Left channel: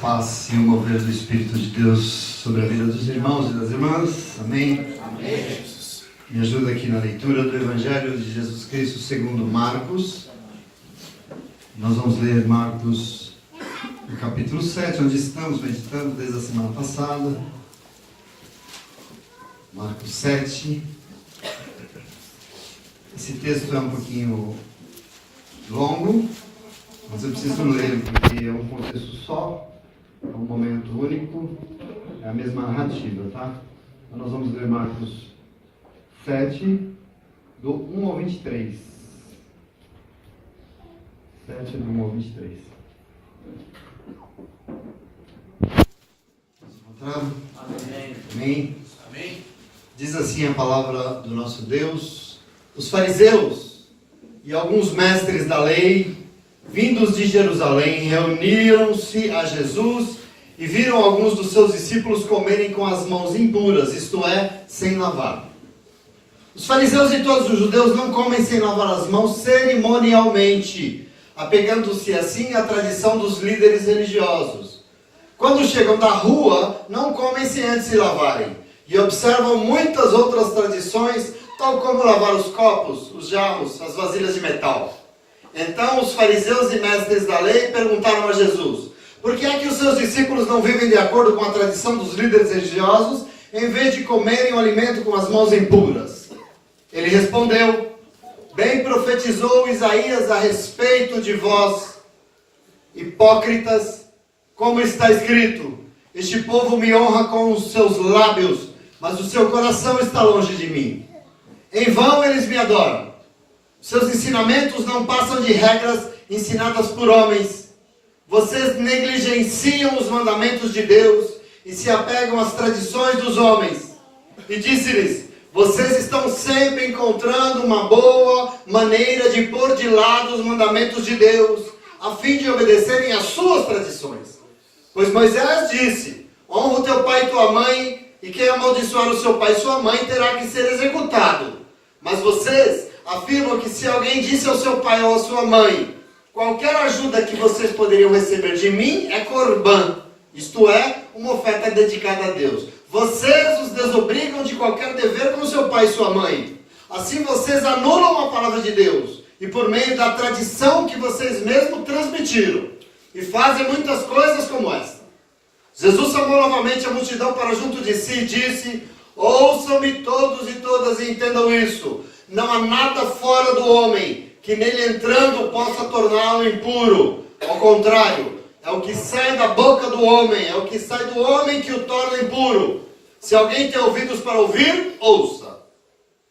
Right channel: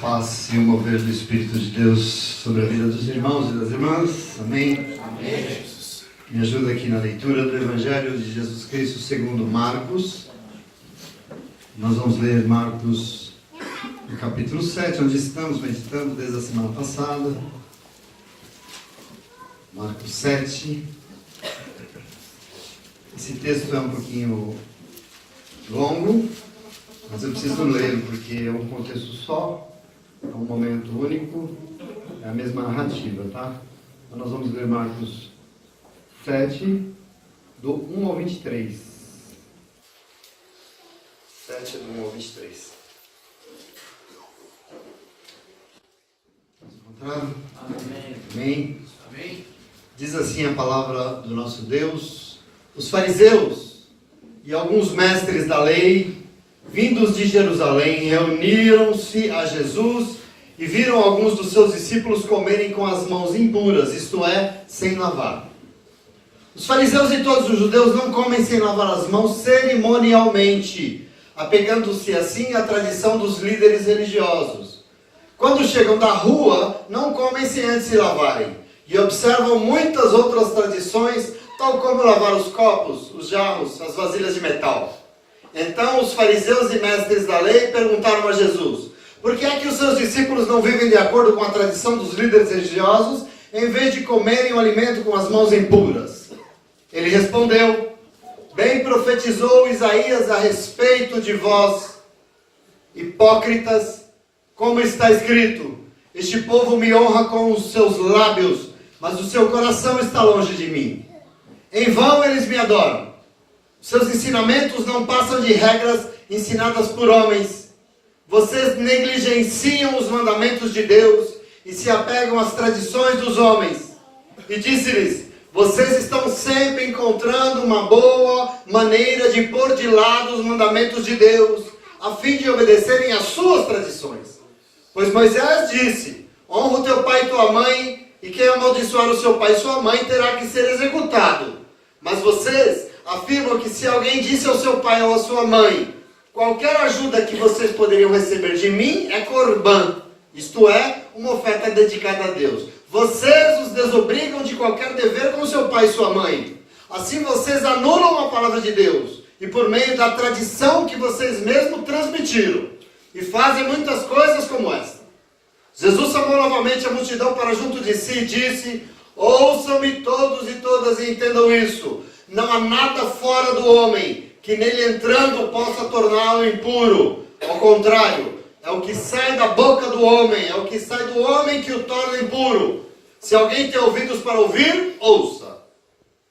Paz e o mover do Espírito de Deus sobre a vida dos irmãos e das irmãs. Amém? Amém. Me ajuda aqui na leitura do Evangelho de Jesus Cristo segundo Marcos. Nós vamos ler Marcos no capítulo 7, onde estamos meditando desde a semana passada. Marcos 7. Esse texto é um pouquinho longo, mas eu preciso ler porque é um contexto só. É um momento único, é a mesma narrativa, tá? Então nós vamos ler Marcos 7, do 1 ao 23. 7, do 1 ao 23. Encontrado? Amém. Amém? Amém. Diz assim a palavra do nosso Deus: os fariseus e alguns mestres da lei, vindos de Jerusalém, reuniram-se a Jesus e viram alguns dos seus discípulos comerem com as mãos impuras, isto é, sem lavar. Os fariseus e todos os judeus não comem sem lavar as mãos cerimonialmente, apegando-se assim à tradição dos líderes religiosos. Quando chegam da rua, não comem sem antes se lavarem, e observam muitas outras tradições, tal como lavar os copos, os jarros, as vasilhas de metal. Então os fariseus e mestres da lei perguntaram a Jesus: por que é que os seus discípulos não vivem de acordo com a tradição dos líderes religiosos, em vez de comerem o alimento com as mãos impuras? Ele respondeu: bem profetizou Isaías a respeito de vós, hipócritas, como está escrito: este povo me honra com os seus lábios, mas o seu coração está longe de mim. Em vão eles me adoram. Seus ensinamentos não passam de regras ensinadas por homens. Vocês negligenciam os mandamentos de Deus e se apegam às tradições dos homens. E disse-lhes: vocês estão sempre encontrando uma boa maneira de pôr de lado os mandamentos de Deus, a fim de obedecerem às suas tradições. Pois Moisés disse: honra o teu pai e tua mãe, e quem amaldiçoar o seu pai e sua mãe terá que ser executado. Mas vocês afirmam que se alguém disse ao seu pai ou à sua mãe: qualquer ajuda que vocês poderiam receber de mim é corbã, isto é, uma oferta dedicada a Deus. Vocês os desobrigam de qualquer dever com seu pai e sua mãe. Assim vocês anulam a palavra de Deus, e por meio da tradição que vocês mesmos transmitiram, e fazem muitas coisas como esta. Jesus chamou novamente a multidão para junto de si e disse: ouçam-me todos e todas e entendam isso. Não há nada fora do homem que nele entrando possa torná-lo impuro. Ao contrário, é o que sai da boca do homem, é o que sai do homem que o torna impuro. Se alguém tem ouvidos para ouvir, ouça.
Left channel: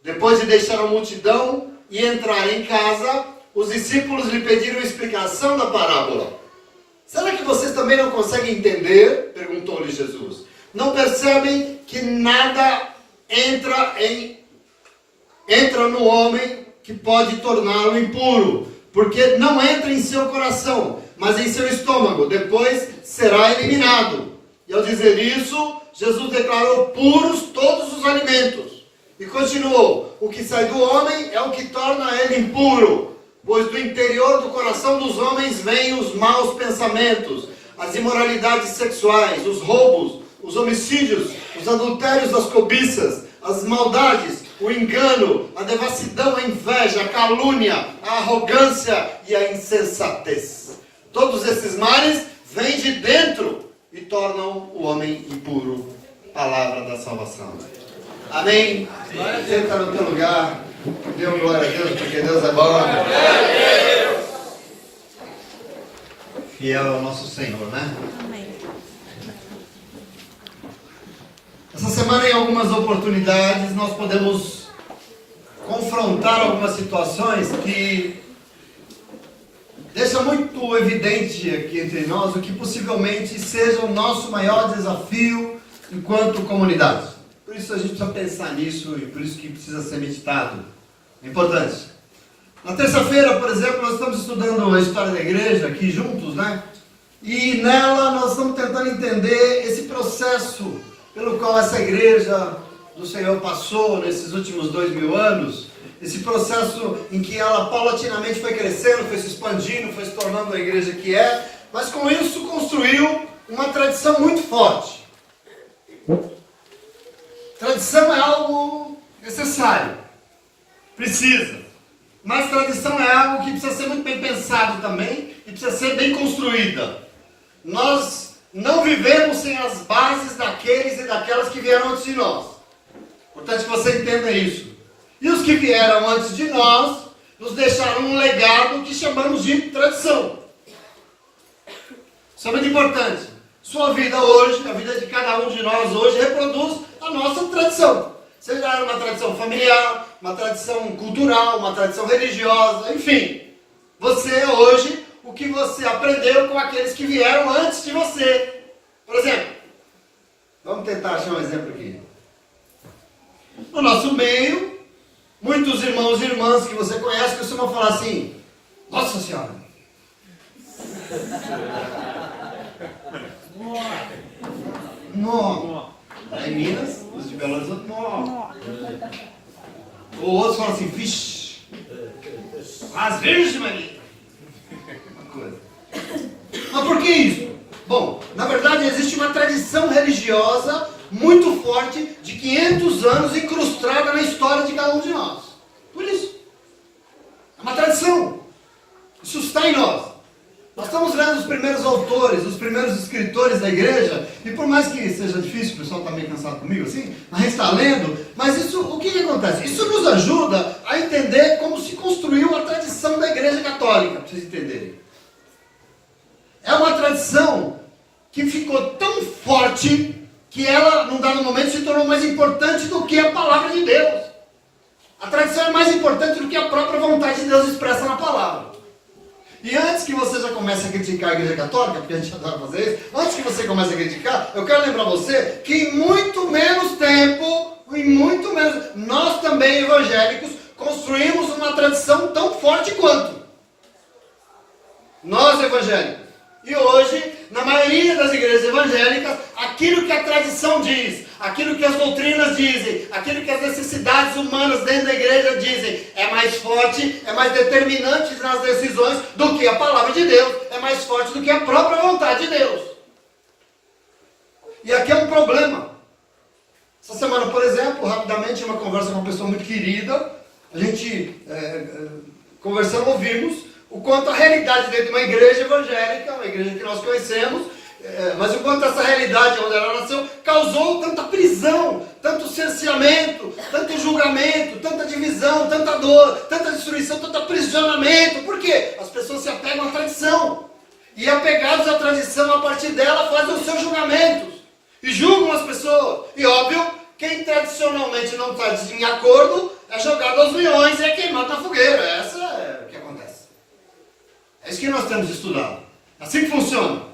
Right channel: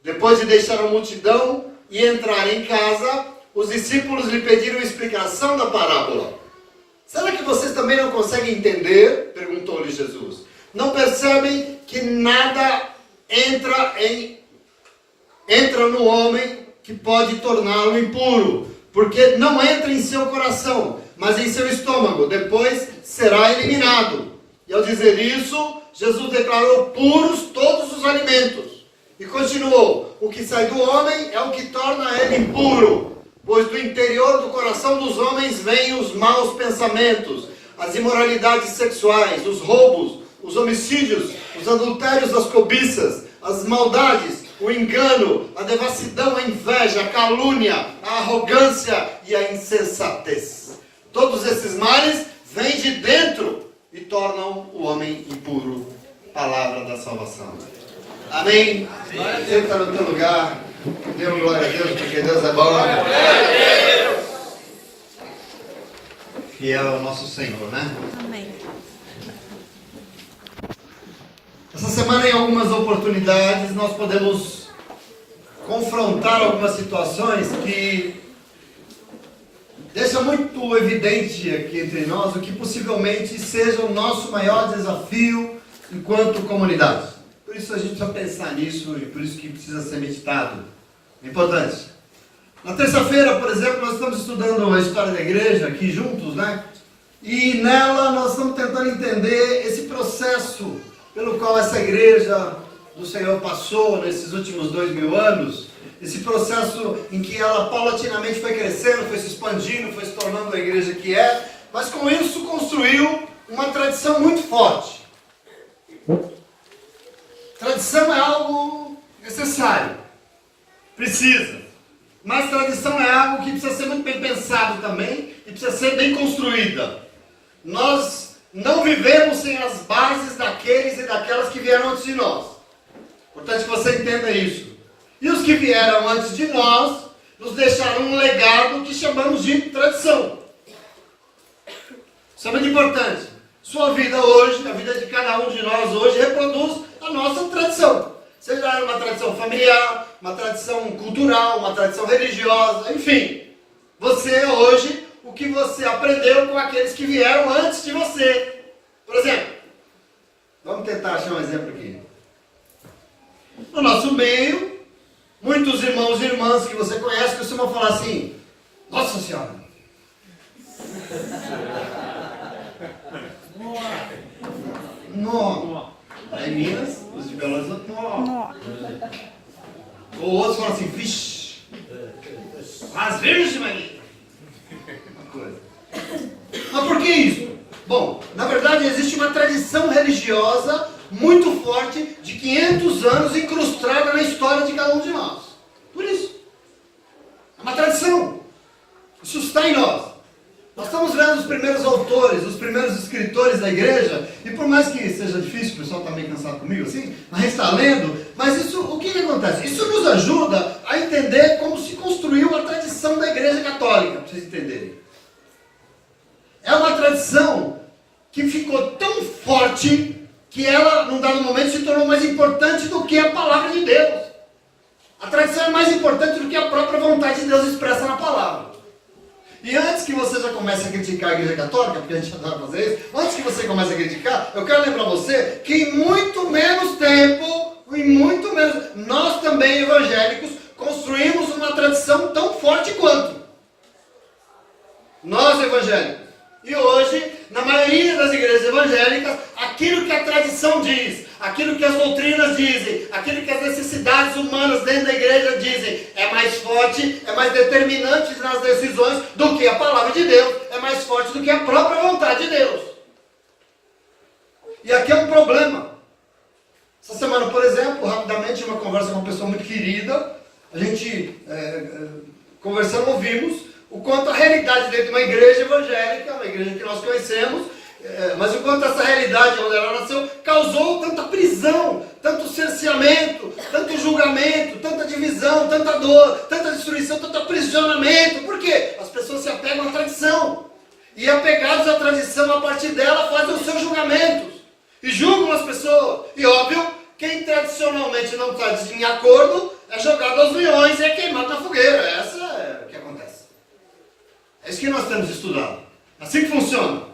Depois de deixar a multidão e entrar em casa, os discípulos lhe pediram explicação da parábola. Será que vocês também não conseguem entender? Perguntou-lhe Jesus. Não percebem que nada entra no homem que pode torná-lo impuro, porque não entra em seu coração, mas em seu estômago, depois será eliminado. E ao dizer isso, Jesus declarou puros todos os alimentos. E continuou: o que sai do homem é o que torna ele impuro, pois do interior do coração dos homens vêm os maus pensamentos, as imoralidades sexuais, os roubos, os homicídios, os adultérios, as cobiças, as maldades, o engano, a devassidão, a inveja, a calúnia, a arrogância e a insensatez. Todos esses males vêm de dentro e tornam o homem impuro. Palavra da salvação. Amém? Senta no teu lugar. Dê glória a Deus, porque Deus é bom. Fiel ao nosso Senhor, né? Amém. Essa semana, em algumas oportunidades, nós podemos confrontar algumas situações que deixam muito evidente aqui entre nós o que possivelmente seja o nosso maior desafio enquanto comunidade. Por isso a gente precisa pensar nisso e por isso que precisa ser meditado. É importante. Na terça-feira, por exemplo, nós estamos estudando a história da igreja aqui juntos, né? E nela nós estamos tentando entender esse processo pelo qual essa igreja do Senhor passou nesses últimos 2000 anos, esse processo em que ela paulatinamente foi crescendo, foi se expandindo, foi se tornando a igreja que é, mas com isso construiu uma tradição muito forte. Tradição é algo necessário. Precisa. Mas tradição é algo que precisa ser muito bem pensado também e precisa ser bem construída. Nós não vivemos sem as bases daqueles e daquelas que vieram antes de nós. Importante que você entenda isso. E os que vieram antes de nós nos deixaram um legado que chamamos de tradição. Isso é muito importante. Sua vida hoje, a vida de cada um de nós hoje, reproduz a nossa tradição. Seja uma tradição familiar, uma tradição cultural, uma tradição religiosa, enfim. Você é hoje o que você aprendeu com aqueles que vieram antes de você. Por exemplo, vamos tentar achar um exemplo aqui. No nosso meio, muitos irmãos e irmãs que você conhece costumam falar assim: Nossa Senhora! Nó! Aí em Minas, os de Belo Horizonte, nó! Ou outros falam assim: Vixe! As Virgens Maria! Uma coisa. Mas por que isso? Bom, na verdade existe uma tradição religiosa muito forte de 500 anos incrustada na história de cada um de nós. Por isso. É uma tradição. Isso está em nós. Nós estamos lendo os primeiros autores, os primeiros escritores da igreja, e por mais que seja difícil, o pessoal está meio cansado comigo assim, a gente está lendo, mas isso, o que acontece? Isso nos ajuda a entender como se construiu a tradição da igreja católica, para vocês entenderem. É uma tradição que ficou tão forte que ela, num dado momento, se tornou mais importante do que a palavra de Deus. A tradição é mais importante do que a própria vontade de Deus expressa na palavra. E antes que você já comece a criticar a igreja católica, porque a gente adora fazer isso, antes que você comece a criticar, eu quero lembrar você que em muito menos tempo, nós também evangélicos construímos uma tradição tão forte quanto. Nós evangélicos. E hoje, na maioria das igrejas evangélicas, aquilo que a tradição diz, aquilo que as doutrinas dizem, aquilo que as necessidades humanas dentro da igreja dizem, é mais forte, é mais determinante nas decisões do que a palavra de Deus, é mais forte do que a própria vontade de Deus. E aqui é um problema. Essa semana, por exemplo, rapidamente, uma conversa com uma pessoa muito querida, a gente, conversando, ouvimos o quanto a realidade dentro de uma igreja evangélica, uma igreja que nós conhecemos, mas o quanto essa realidade onde ela nasceu causou tanta prisão, tanto cerceamento, tanto julgamento, tanta divisão, tanta dor, tanta destruição, tanto aprisionamento. Por quê? As pessoas se apegam à tradição. E apegados à tradição, a partir dela fazem os seus julgamentos. E julgam as pessoas. E óbvio, quem tradicionalmente não está em acordo é jogado aos leões e é queimado na fogueira. Essa é o que acontece. É isso que nós temos estudado. Assim que funciona.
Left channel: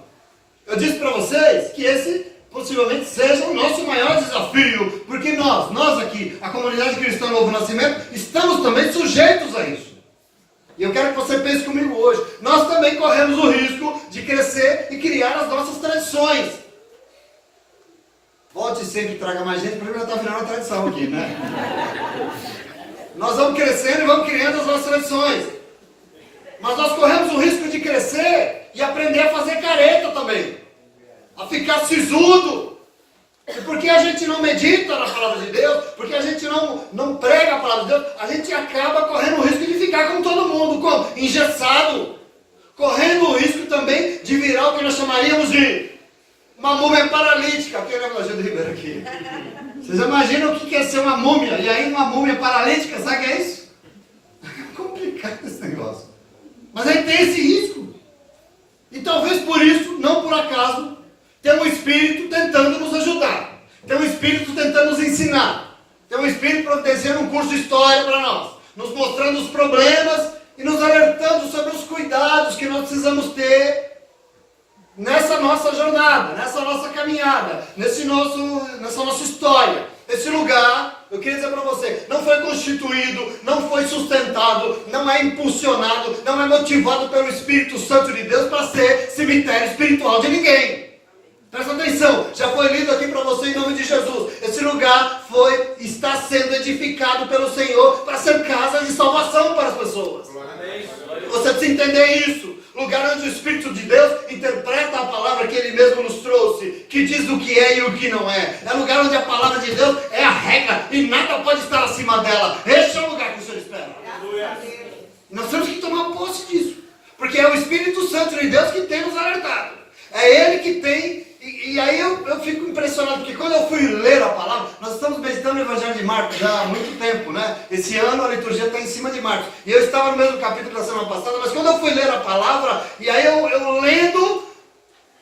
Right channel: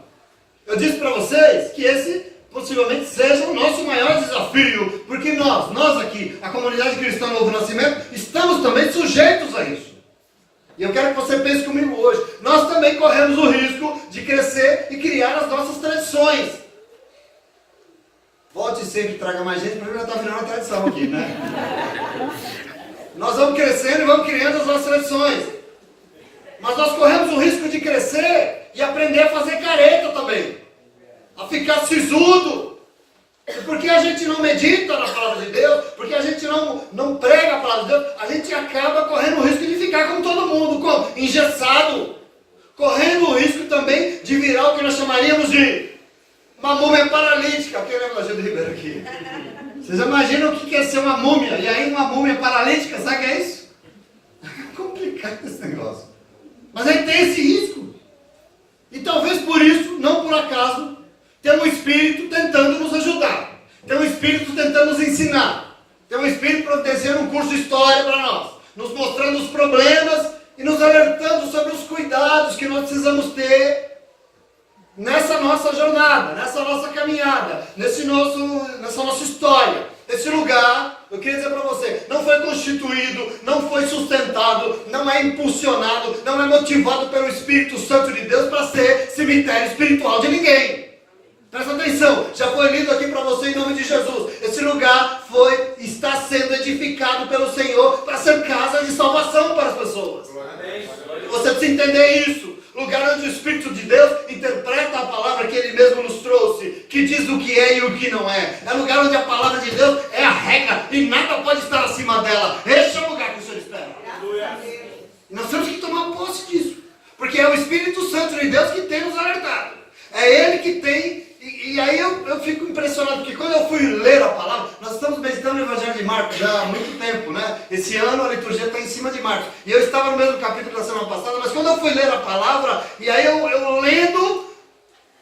Eu disse para vocês que esse possivelmente seja o nosso maior desafio, porque nós aqui, a comunidade cristã Novo Nascimento, estamos também sujeitos a isso. E eu quero que você pense comigo hoje. Nós também corremos o risco de crescer e criar as nossas tradições. Volte sempre, traga mais gente, porque já está virando uma tradição aqui, né? Nós vamos crescendo e vamos criando as nossas tradições. Mas nós corremos o risco de crescer e aprender a fazer careta também. A ficar sisudo. E porque a gente não medita na palavra de Deus, porque a gente não prega a palavra de Deus, a gente acaba correndo o risco de ficar como todo mundo, como engessado. Correndo o risco também de virar o que nós chamaríamos de uma múmia paralítica. Quem é o Evangelho do Ribeiro aqui? Vocês imaginam o que é ser uma múmia? E aí uma múmia paralítica, sabe o que é isso? É complicado esse negócio. Mas aí tem esse risco. E talvez por isso, não por acaso, tem um Espírito tentando nos ajudar. Tem um Espírito tentando nos ensinar. Tem um Espírito protegendo um curso de história para nós. Nos mostrando os problemas e nos alertando sobre os cuidados que nós precisamos ter nessa nossa jornada, nessa nossa caminhada, nessa nossa história. Esse lugar, eu queria dizer para você, não foi constituído, não foi sustentado, não é impulsionado, não é motivado pelo Espírito Santo de Deus para ser cemitério espiritual de ninguém. Presta atenção, já foi lido aqui para você em nome de Jesus. Esse lugar está sendo edificado pelo Senhor para ser casa de salvação para as pessoas. Você precisa entender isso. lugar onde o Espírito de Deus interpreta a palavra que Ele mesmo nos trouxe, que diz o que é e o que não é. É lugar onde a palavra de Deus é a regra e nada pode estar acima dela. Este é o lugar que o Senhor espera. Nós temos que tomar posse disso, porque é o Espírito Santo de Deus que tem nos alertado. É Ele que tem. E aí eu fico impressionado, porque quando eu fui ler a palavra, nós estamos meditando no Evangelho de Marcos já há muito tempo, né? Esse ano a liturgia está em cima de Marcos. E eu estava no mesmo capítulo da semana passada, mas quando eu fui ler a palavra, e aí eu lendo,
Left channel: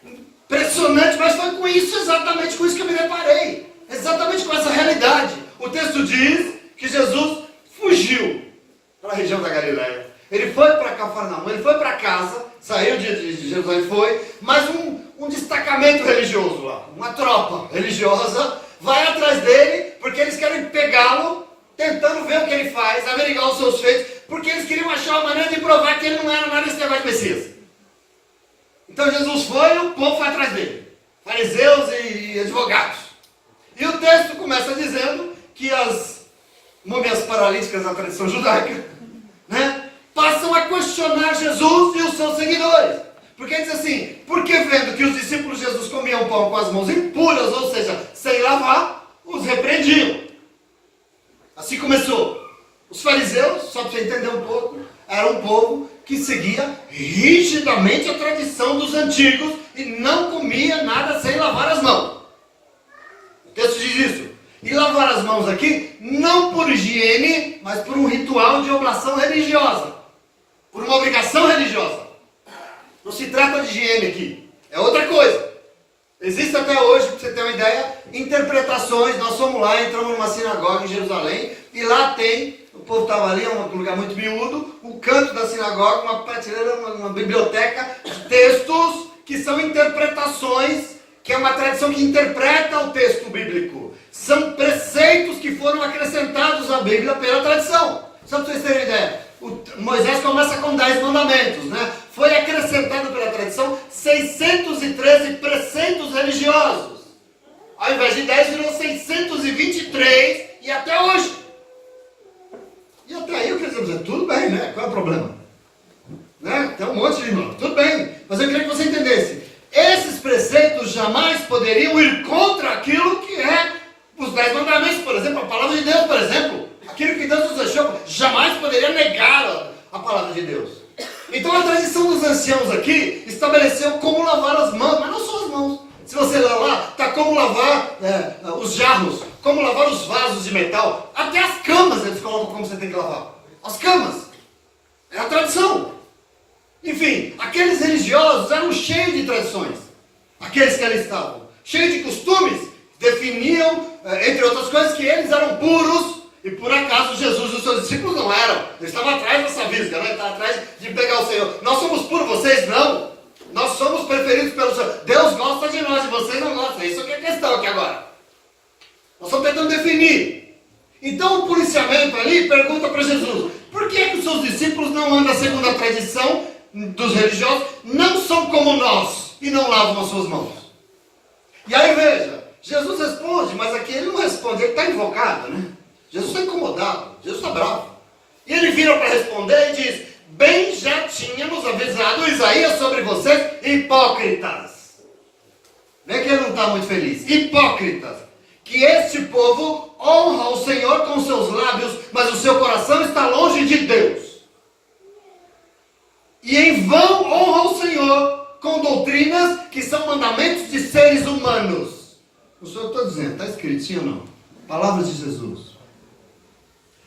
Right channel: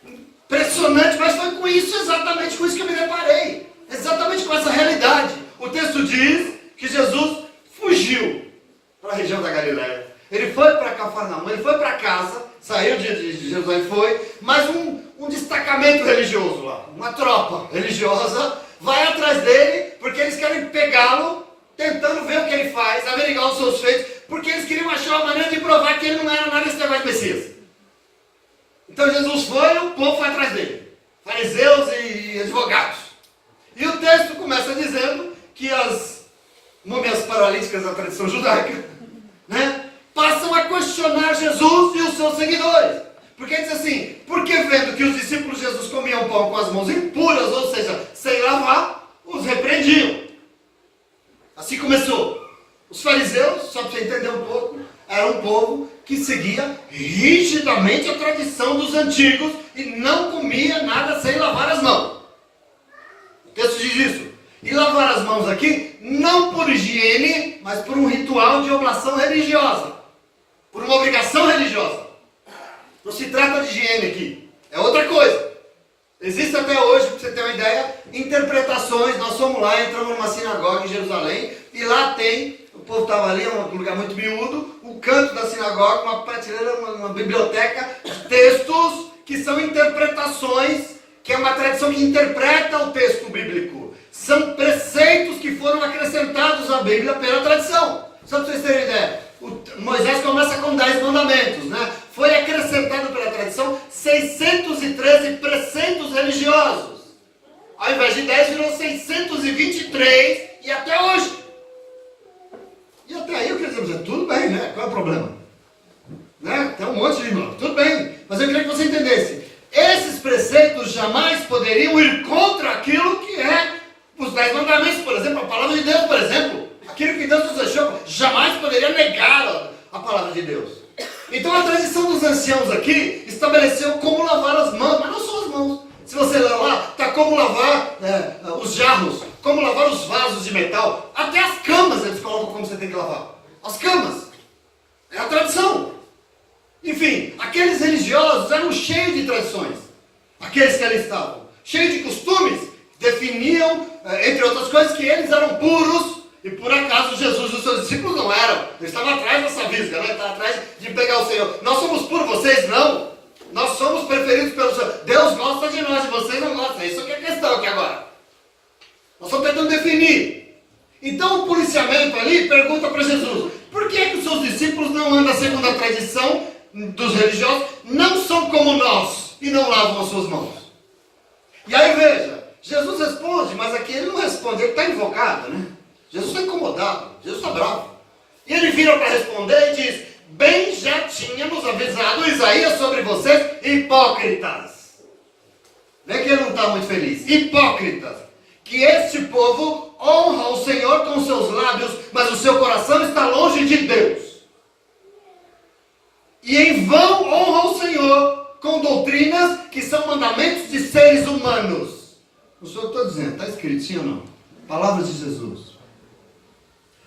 impressionante, mas foi com isso, exatamente com isso que eu me deparei. Exatamente com essa realidade. O texto diz que Jesus fugiu para a região da Galileia. Ele foi para Cafarnaum, ele foi para casa, saiu de Jerusalém, mas um destacamento religioso lá, uma tropa religiosa, vai atrás dele, porque eles querem pegá-lo, tentando ver o que ele faz, averiguar os seus feitos, porque eles queriam achar uma maneira de provar que ele não era nada esse negócio de Messias. Então Jesus foi e o povo foi atrás dele, fariseus e advogados. E o texto começa dizendo que as múmias paralíticas da tradição judaica, né, passam a questionar Jesus e os seus seguidores. Porque diz assim, porque vendo que os discípulos de Jesus comiam pão com as mãos impuras, ou seja, sem lavar, os repreendiam. Assim começou. Os fariseus, só para você entender um pouco, era um povo que seguia rigidamente a tradição dos antigos e não comia nada sem lavar as mãos. O texto diz isso. E lavar as mãos aqui, não por higiene, mas por um ritual de oblação religiosa. Por uma obrigação religiosa. Não se trata de higiene aqui. É outra coisa. Existe até hoje, para você ter uma ideia, interpretações. Nós fomos lá, entramos numa sinagoga em Jerusalém, e lá tem, o povo estava ali, é um lugar muito miúdo, o canto da sinagoga, uma prateleira, uma biblioteca de textos que são interpretações, que é uma tradição que interpreta o texto bíblico. São preceitos que foram acrescentados à Bíblia pela tradição. Só para vocês terem uma ideia. Moisés começa com 10 mandamentos, né? Foi acrescentado pela tradição 613 preceitos religiosos. Ao invés de 10, virou 623 e até hoje. E até aí eu queria dizer, tudo bem, né? Qual é o problema? Né? Tem um monte de irmão, tudo bem. Mas eu queria que você entendesse. Esses preceitos jamais poderiam ir contra aquilo que é os 10 mandamentos, por exemplo, a palavra de Deus, por exemplo. Aquilo que Deus nos deixou, jamais poderia negar a palavra de Deus. Então a tradição dos anciãos aqui estabeleceu como lavar as mãos, mas não só as mãos. Se você ler lá, está como lavar os jarros, como lavar os vasos de metal, até as camas eles colocam como você tem que lavar. As camas. É a tradição. Enfim, aqueles religiosos eram cheios de tradições. Aqueles que ali estavam. Cheios de costumes, definiam, entre outras coisas, que eles eram puros. E por acaso Jesus e os seus discípulos não eram. Eles estavam atrás dessa visga, né? Estavam atrás de pegar o Senhor. Nós somos puros, vocês não. Nós somos preferidos pelo Senhor. Deus gosta de nós e vocês não gostam. Isso que é a questão aqui agora. Nós estamos tentando definir. Então o policiamento ali pergunta para Jesus: por que os seus discípulos não andam segundo a tradição dos religiosos? Não são como nós e não lavam as suas mãos. E aí veja, Jesus responde, mas aqui ele não responde, ele está invocado, né? Jesus está incomodado, Jesus está bravo. E ele vira para responder e diz: bem já tínhamos avisado Isaías sobre vocês, hipócritas. Vê que ele não está muito feliz. Hipócritas. Que este povo honra o Senhor com seus lábios, mas o seu coração está longe de Deus. E em vão honra o Senhor com doutrinas que são mandamentos de seres humanos. Não sou eu que estou dizendo, está escrito, sim ou não? Palavras de Jesus.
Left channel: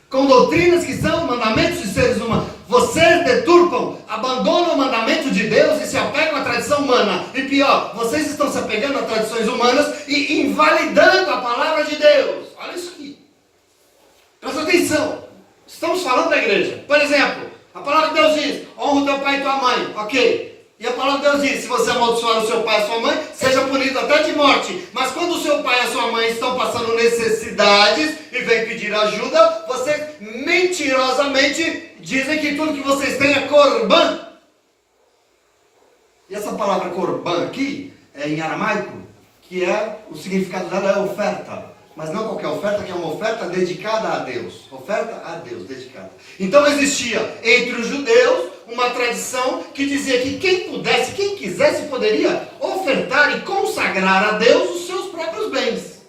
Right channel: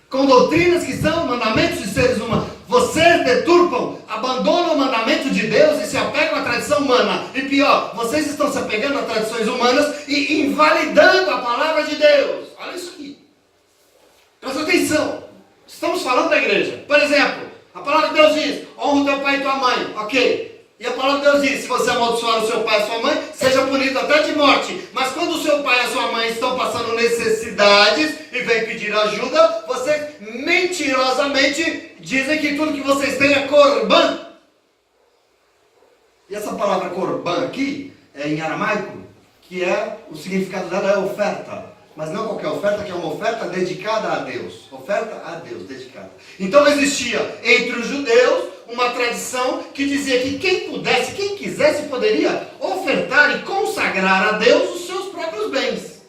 Com doutrinas que são mandamentos de seres humanos. Vocês deturpam, abandonam o mandamento de Deus e se apegam à tradição humana. E pior, vocês estão se apegando a tradições humanas e invalidando a palavra de Deus. Olha isso aqui. Presta atenção. Estamos falando da igreja. Por exemplo, a palavra de Deus diz: honra o teu pai e tua mãe. Ok. E a palavra de Deus diz: se você amaldiçoar o seu pai e a sua mãe, seja punido até de morte. Mas quando o seu pai e a sua mãe estão passando necessidades e vêm pedir ajuda, vocês mentirosamente dizem que tudo que vocês têm é corban. E essa palavra corban aqui é em aramaico, que é, o significado dela é oferta. Mas não qualquer oferta, que é uma oferta dedicada a Deus. Oferta a Deus, dedicada. Então existia entre os judeus uma tradição que dizia que quem pudesse, quem quisesse, poderia ofertar e consagrar a Deus os seus próprios bens.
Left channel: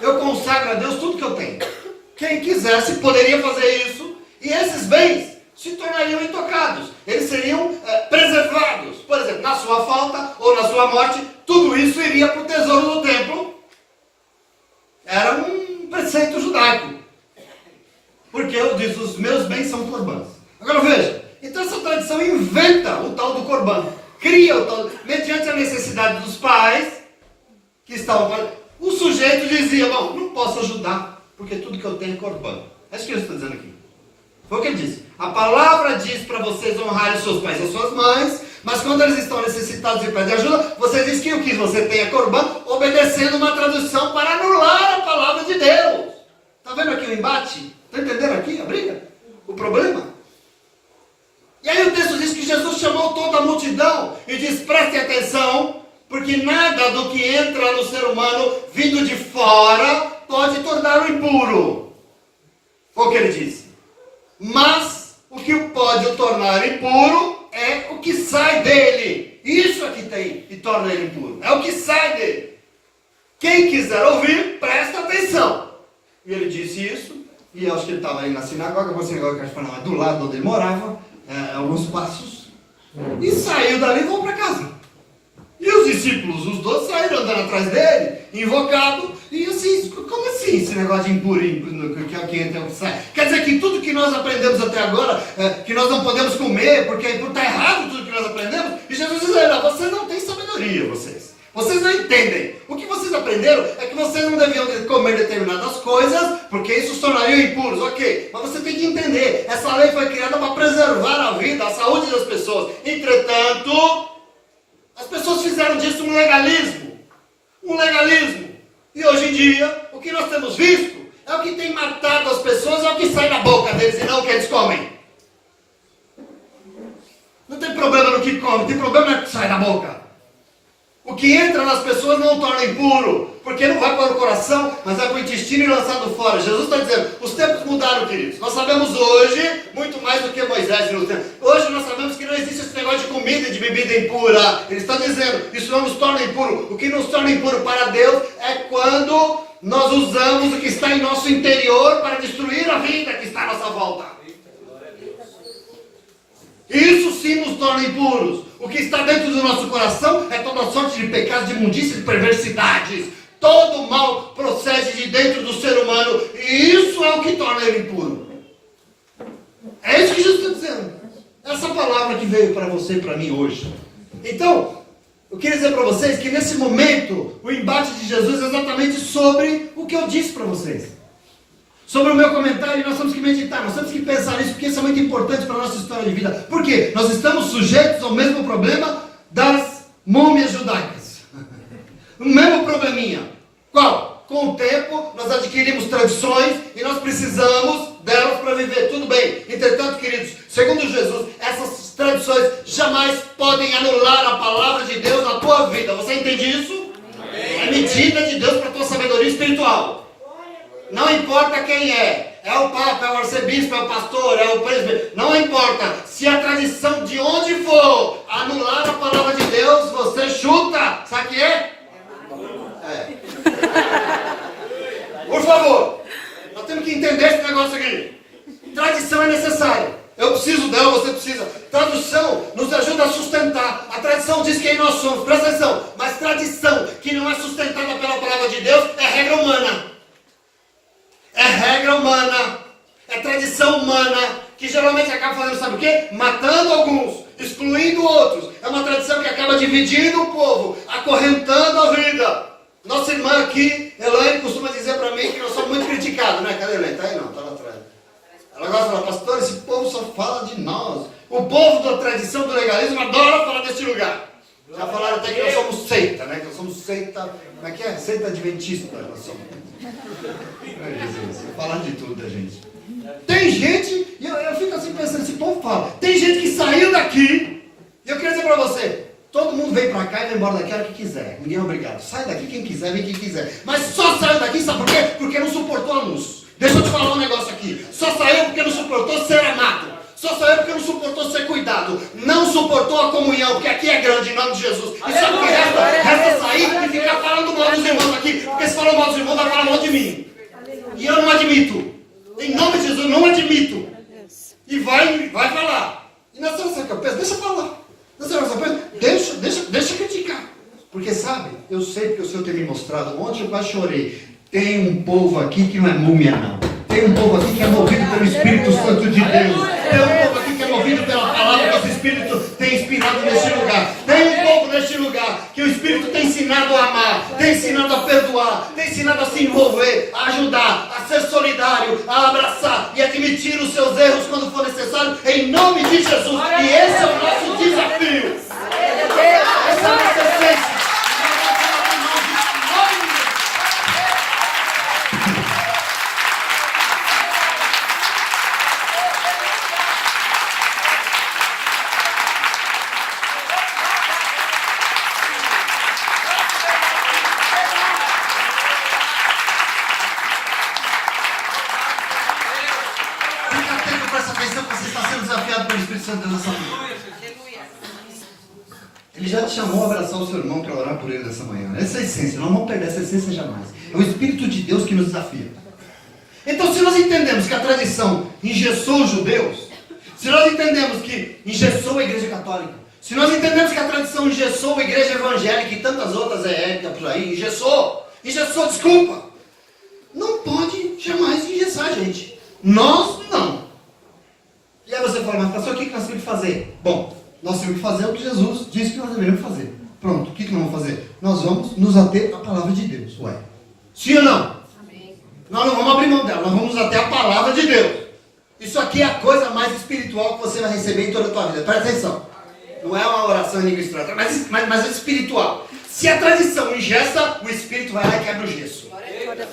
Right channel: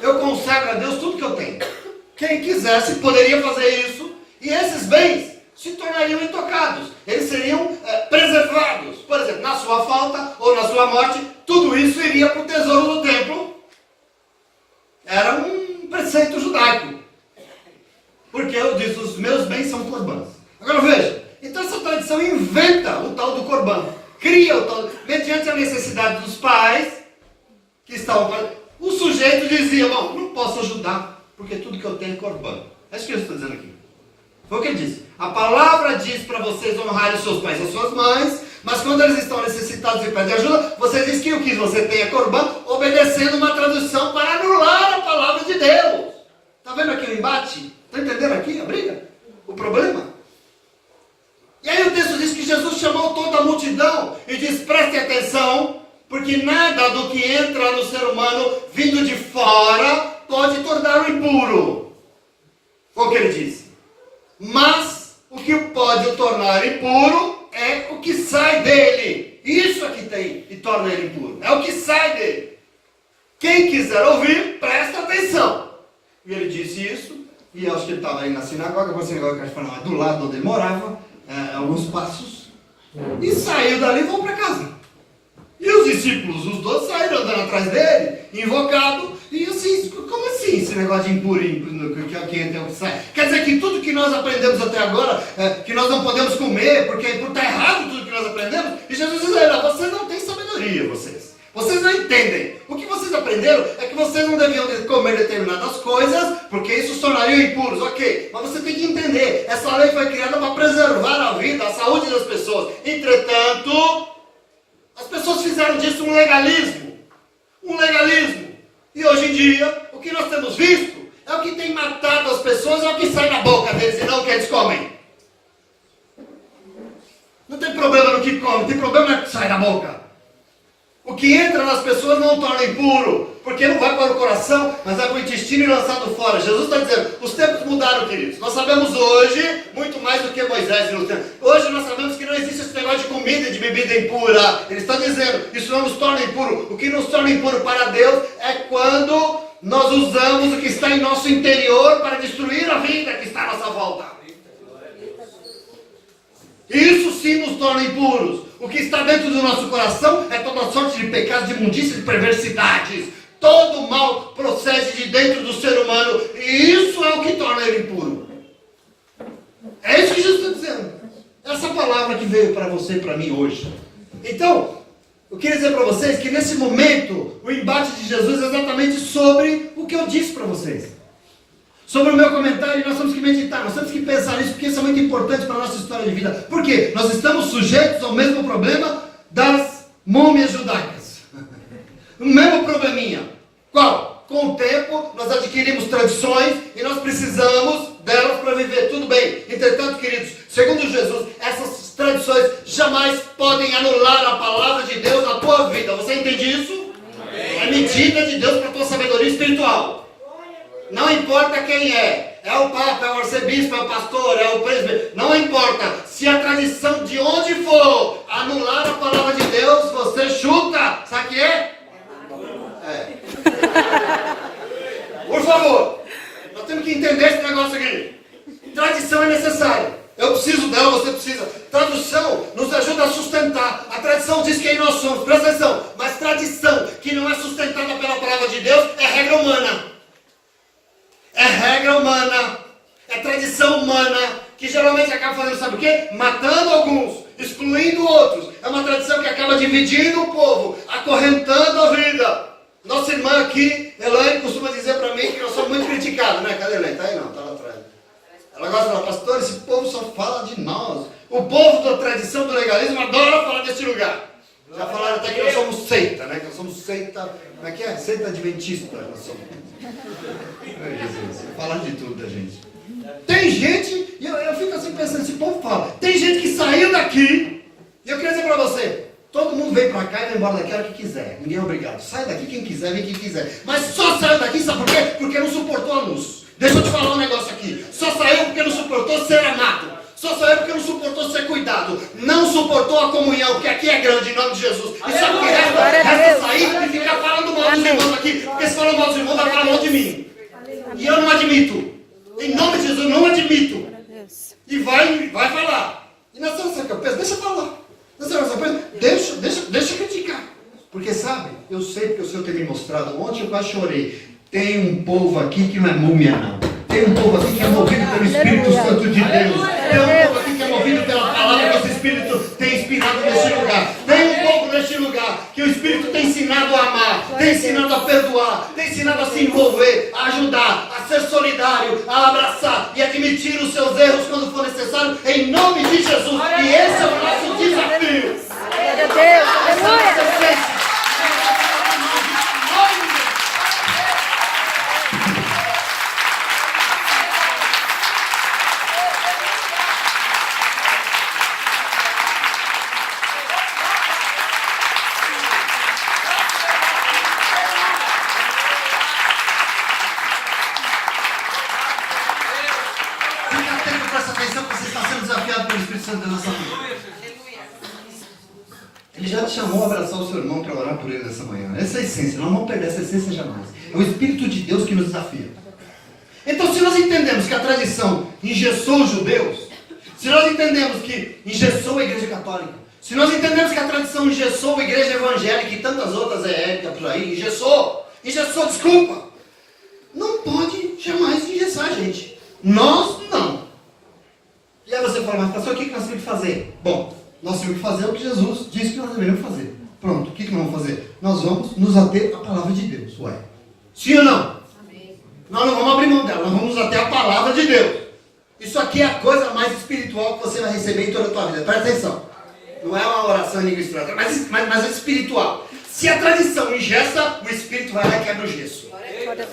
Eu consagro a Deus tudo que eu tenho. Quem quisesse poderia fazer isso, e esses bens se tornariam intocados. Eles seriam preservados. Por exemplo, na sua falta ou na sua morte, tudo isso iria para o tesouro do templo. Era um preceito judaico. Porque eu disse, os meus bens são corbãs. Agora veja, então essa tradição inventa o tal do corbã. Cria o tal, mediante a necessidade dos pais, que estavam... O sujeito dizia, bom, não posso ajudar, porque tudo que eu tenho é corbã. É isso que eu estou dizendo aqui. Foi o que ele disse. A palavra diz para vocês honrarem os seus pais e as suas mães, mas quando eles estão necessitados e pedem ajuda, você diz que o que você tem é corbã, obedecendo uma tradução para anular a palavra de Deus. Está vendo aqui o embate? Está entendendo aqui a briga? O problema? E aí o texto diz que Jesus chamou toda a multidão e diz, prestem atenção, porque nada do que entra no ser humano vindo de fora pode torná-lo impuro. Foi o que ele disse. Mas o que o pode o tornar impuro é o que sai dele. Isso é que tem e torna ele impuro. É o que sai dele. Quem quiser ouvir, presta atenção. E ele disse isso, e eu acho que ele estava aí na sinagoga, você agora do lado onde ele morava, alguns passos, e saiu dali e voltou para casa. E os discípulos, os 12, saíram andando atrás dele, invocado, e assim, como assim esse negócio de impuro, que é o que entra e o que sai? Quer dizer que tudo que nós aprendemos até agora, que nós não podemos comer, porque está errado tudo que nós aprendemos, e Jesus diz, vocês não têm sabedoria, vocês não entendem. O que vocês aprenderam é que vocês não deviam comer determinadas coisas, porque isso os tornaria impuros, ok. Mas você tem que entender, essa lei foi criada para preservar a vida, a saúde das pessoas. Entretanto, as pessoas fizeram disso um legalismo. Um legalismo. E hoje em dia, o que nós temos visto é o que tem matado as pessoas, é o que sai da boca deles e não o que eles comem. Não tem problema no que come, tem problema no que sai da boca. O que entra nas pessoas não o torna impuro, porque não vai para o coração, mas vai para o intestino e lançado fora. Jesus está dizendo, os tempos mudaram, queridos. Nós sabemos hoje, muito mais do que Moisés no tempo. Hoje nós sabemos que não existe esse negócio de comida e de bebida impura. Ele está dizendo, isso não nos torna impuro. O que nos torna impuro para Deus é quando nós usamos o que está em nosso interior para destruir a vida que está à nossa volta. Isso sim nos torna impuros. O que está dentro do nosso coração é toda sorte de pecados, de imundícias e perversidades. Todo mal procede de dentro do ser humano. E isso é o que torna ele impuro. É isso que Jesus está dizendo. Essa palavra que veio para você e para mim hoje. Então, eu queria dizer para vocês que nesse momento, o embate de Jesus é exatamente sobre o que eu disse para vocês. Sobre o meu comentário, nós temos que meditar, nós temos que pensar nisso, porque isso é muito importante para a nossa história de vida. Por quê? Nós estamos sujeitos ao mesmo problema das múmias judaicas. O mesmo probleminha. Qual? Com o tempo, nós adquirimos tradições e nós precisamos delas para viver. Tudo bem. Entretanto, queridos, segundo Jesus, essas tradições jamais podem anular a palavra de Deus na tua vida. Você entende isso? É medida de Deus para a tua sabedoria espiritual. Não importa quem é o Papa, é o arcebispo, é o pastor, é o presbítero, não importa. Se a tradição de onde for anular a palavra de Deus, você chuta. Sabe o que é? Por favor, nós temos que entender esse negócio aqui. Tradição é necessária. Eu preciso dela, você precisa. Tradição nos ajuda a sustentar. A tradição diz quem nós somos, presta atenção. Mas tradição que não é sustentada pela palavra de Deus é regra humana. É regra humana, é tradição humana, que geralmente acaba fazendo, sabe o quê? Matando alguns, excluindo outros. É uma tradição que acaba dividindo o povo, acorrentando a vida. Nossa irmã aqui, Elaine, costuma dizer para mim que nós somos muito criticados, né? Cadê a Elaine? Tá aí não, tá lá atrás. Ela gosta de falar, pastor, esse povo só fala de nós. O povo da tradição do legalismo adora falar desse lugar. Já falaram até que nós somos seita, né? Que nós somos seita, como é que é? Seita adventista, nós somos. Falar de tudo da gente. Tem gente, e eu fico assim pensando, esse povo fala, tem gente que saiu daqui, e eu queria dizer para você, todo mundo vem para cá e vai embora daqui a hora que quiser, ninguém é obrigado, sai daqui quem quiser, vem quem quiser, mas só saiu daqui, sabe por quê? Porque não suportou a luz. Deixa eu te falar um negócio aqui, só saiu porque não suportou ser amado, Só saiu porque não suportou ser cuidado. Não suportou a comunhão, porque aqui é grande, em nome de Jesus. E sabe o que resta? Resta sair e ficar falando mal dos irmãos aqui. Porque se falar mal dos irmãos, vai falar mal de mim. E eu não admito. Em nome de Jesus, não admito. E vai falar. E nós estamos sem cabeça, deixa falar. Deixa criticar. Porque sabe, eu sei porque o Senhor tem me mostrado. Ontem eu quase chorei. Tem um povo aqui que não é múmia, não. Tem um povo aqui que é movido pelo Espírito Santo de Deus. Tem um povo aqui que é movido pela palavra que esse Espírito tem inspirado neste lugar. Tem um povo neste lugar que o Espírito tem ensinado a amar, tem ensinado a perdoar, tem ensinado a se envolver, a ajudar, a ser solidário, a abraçar e admitir os seus erros quando for necessário, em nome de Jesus. E esse é o nosso desafio. Essa é a nossa essência. Ele já te chamou a abraçar o seu irmão para orar por ele nessa manhã. Essa é a essência, não vamos perder essa essência jamais. É o Espírito de Deus que nos desafia. Então, se nós entendemos que a tradição engessou os judeus, se nós entendemos que engessou a igreja católica, se nós entendemos que a tradição engessou a igreja evangélica e tantas outras éticas por aí, engessou, desculpa, não pode jamais engessar a gente. Nós não. E aí você fala, mas pastor, o que nós temos que fazer? Bom, nós temos que fazer o que Jesus disse que nós deveríamos fazer. Pronto, o que nós vamos fazer? Nós vamos nos ater à palavra de Deus. Ué, sim ou não? Amém. Nós não vamos abrir mão dela, nós vamos nos ater à palavra de Deus. Isso aqui é a coisa mais espiritual que você vai receber em toda a tua vida. Presta atenção. Não é uma oração em língua estranha, mas é espiritual. Se a tradição engessa, o Espírito vai lá e quebra o gesso.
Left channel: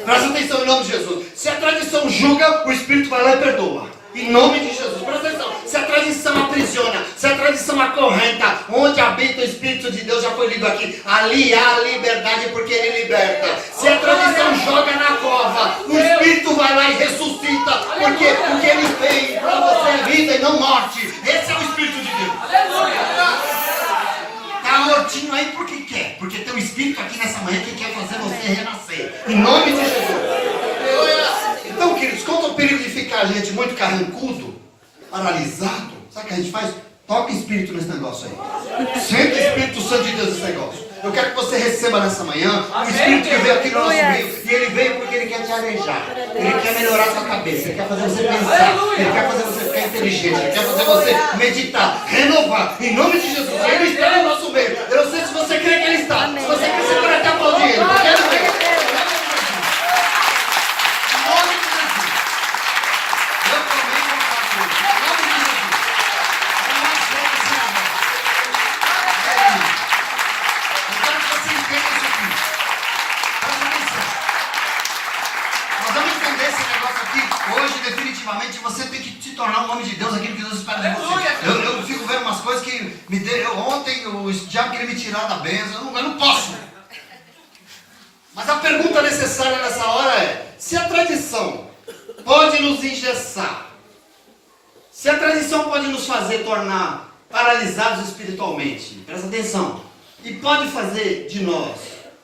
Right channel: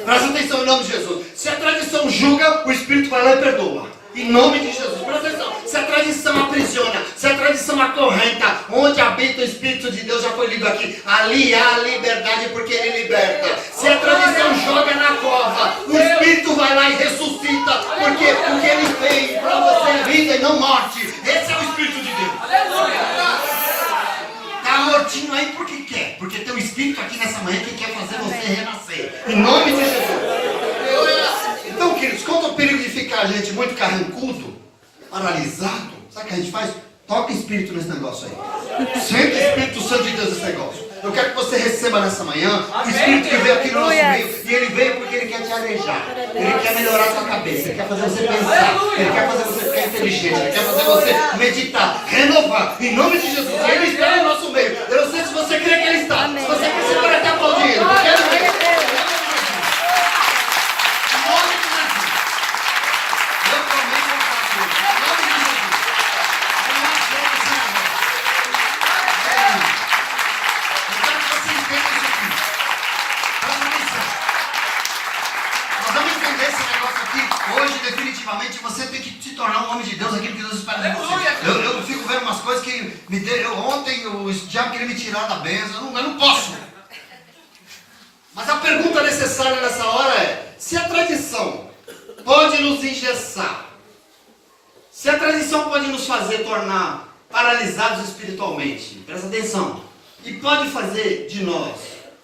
Presta atenção em nome de Jesus. Se a tradição julga, o Espírito vai lá e perdoa. Em nome de Jesus, presta atenção. Se a tradição aprisiona, se a tradição acorrenta, onde habita o Espírito de Deus, já foi lido aqui, ali há liberdade porque Ele liberta. Se a tradição joga na cova, o Espírito vai lá e ressuscita, porque Ele veio para você é vida e não morte. Esse é o Espírito de Deus. Está mortinho aí porque quer, porque tem um Espírito aqui nessa manhã que quer fazer você renascer. Em nome de Jesus. Então, queridos, qual é o perigo de ficar a gente muito carrancudo, paralisado? Sabe o que a gente faz? Toca espírito nesse negócio aí. Senta o Espírito Santo de Deus nesse negócio. Eu quero que você receba nessa manhã o Espírito que veio aqui no nosso meio. E ele veio porque ele quer te arejar. Ele quer melhorar a sua cabeça. Ele quer fazer você pensar. Ele quer fazer você ficar inteligente. Ele quer fazer você meditar, renovar. Em nome de Jesus. Ele está no nosso meio. Eu não sei se você crê que ele está. Se você crê, você pode até aplaudir. Eu quero ver. Você tem que se tornar um homem de Deus, aquilo que Deus espera de você. Eu fico vendo umas coisas que me deu. Ontem o diabo queria me tirar da bênção. Eu não posso. Mas a pergunta necessária nessa hora é: se a tradição pode nos engessar, se a tradição pode nos fazer tornar paralisados espiritualmente, presta atenção, e pode fazer de nós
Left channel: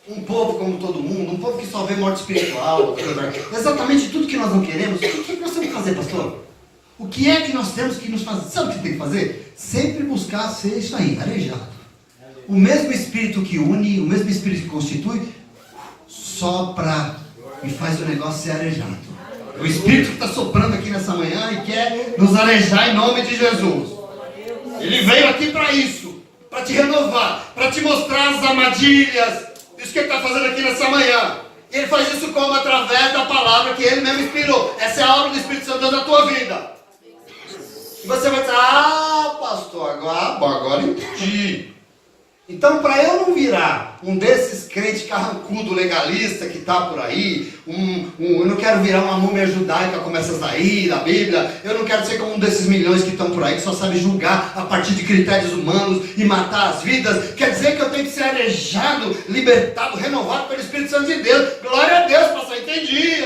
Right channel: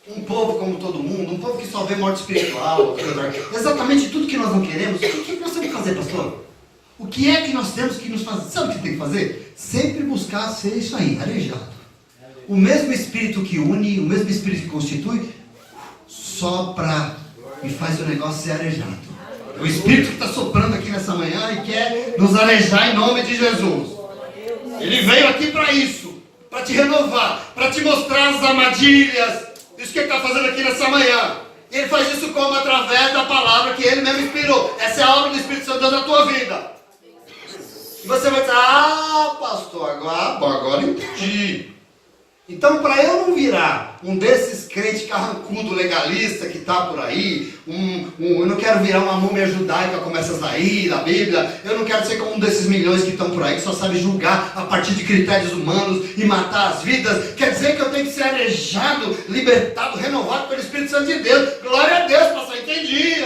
um povo como todo mundo, um povo que só vê morte espiritual, exatamente tudo que nós não queremos, o que nós temos que fazer, pastor? O que é que nós temos que nos fazer? Sabe o que tem que fazer? Sempre buscar ser isso aí, arejado. O mesmo Espírito que une, o mesmo Espírito que constitui, sopra e faz o negócio ser arejado. O Espírito que está soprando aqui nessa manhã e quer nos arejar em nome de Jesus. Ele veio aqui para isso, para te renovar, para te mostrar as armadilhas. Isso que ele está fazendo aqui nessa manhã. Ele faz isso como? Através da palavra que ele mesmo inspirou. Essa é a obra do Espírito Santo de Deus na tua vida. E você vai dizer, pastor, agora entendi. Então, para eu não virar um desses crentes carrancudo legalista que está por aí, eu não quero virar uma múmia judaica como essas daí, da Bíblia, eu não quero ser como um desses milhões que estão por aí, que só sabem julgar a partir de critérios humanos e matar as vidas. Quer dizer que eu tenho que ser arejado, libertado, renovado pelo Espírito Santo de Deus. Glória a Deus, pastor, entendi.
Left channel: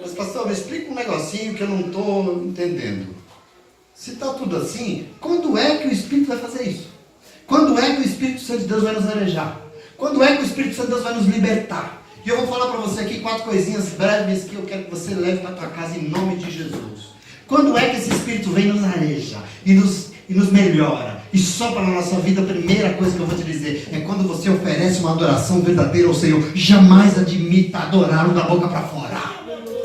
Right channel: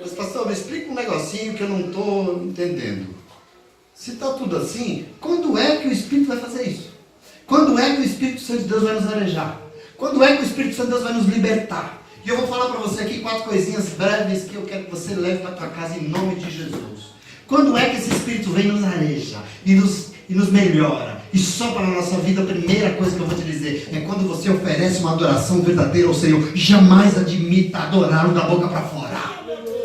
Mas, pastor, me explica um negocinho que eu não estou entendendo. Se está tudo assim, quando é que o Espírito vai fazer isso? Quando é que o Espírito Santo de Deus vai nos arejar? Quando é que o Espírito Santo de Deus vai nos libertar? E eu vou falar para você aqui 4 coisinhas breves que eu quero que você leve para a tua casa em nome de Jesus. Quando é que esse Espírito vem nos areja e nos melhora e sopra na nossa vida? A primeira coisa que eu vou te dizer é quando você oferece uma adoração verdadeira ao Senhor. Jamais admita adorar da boca para fora,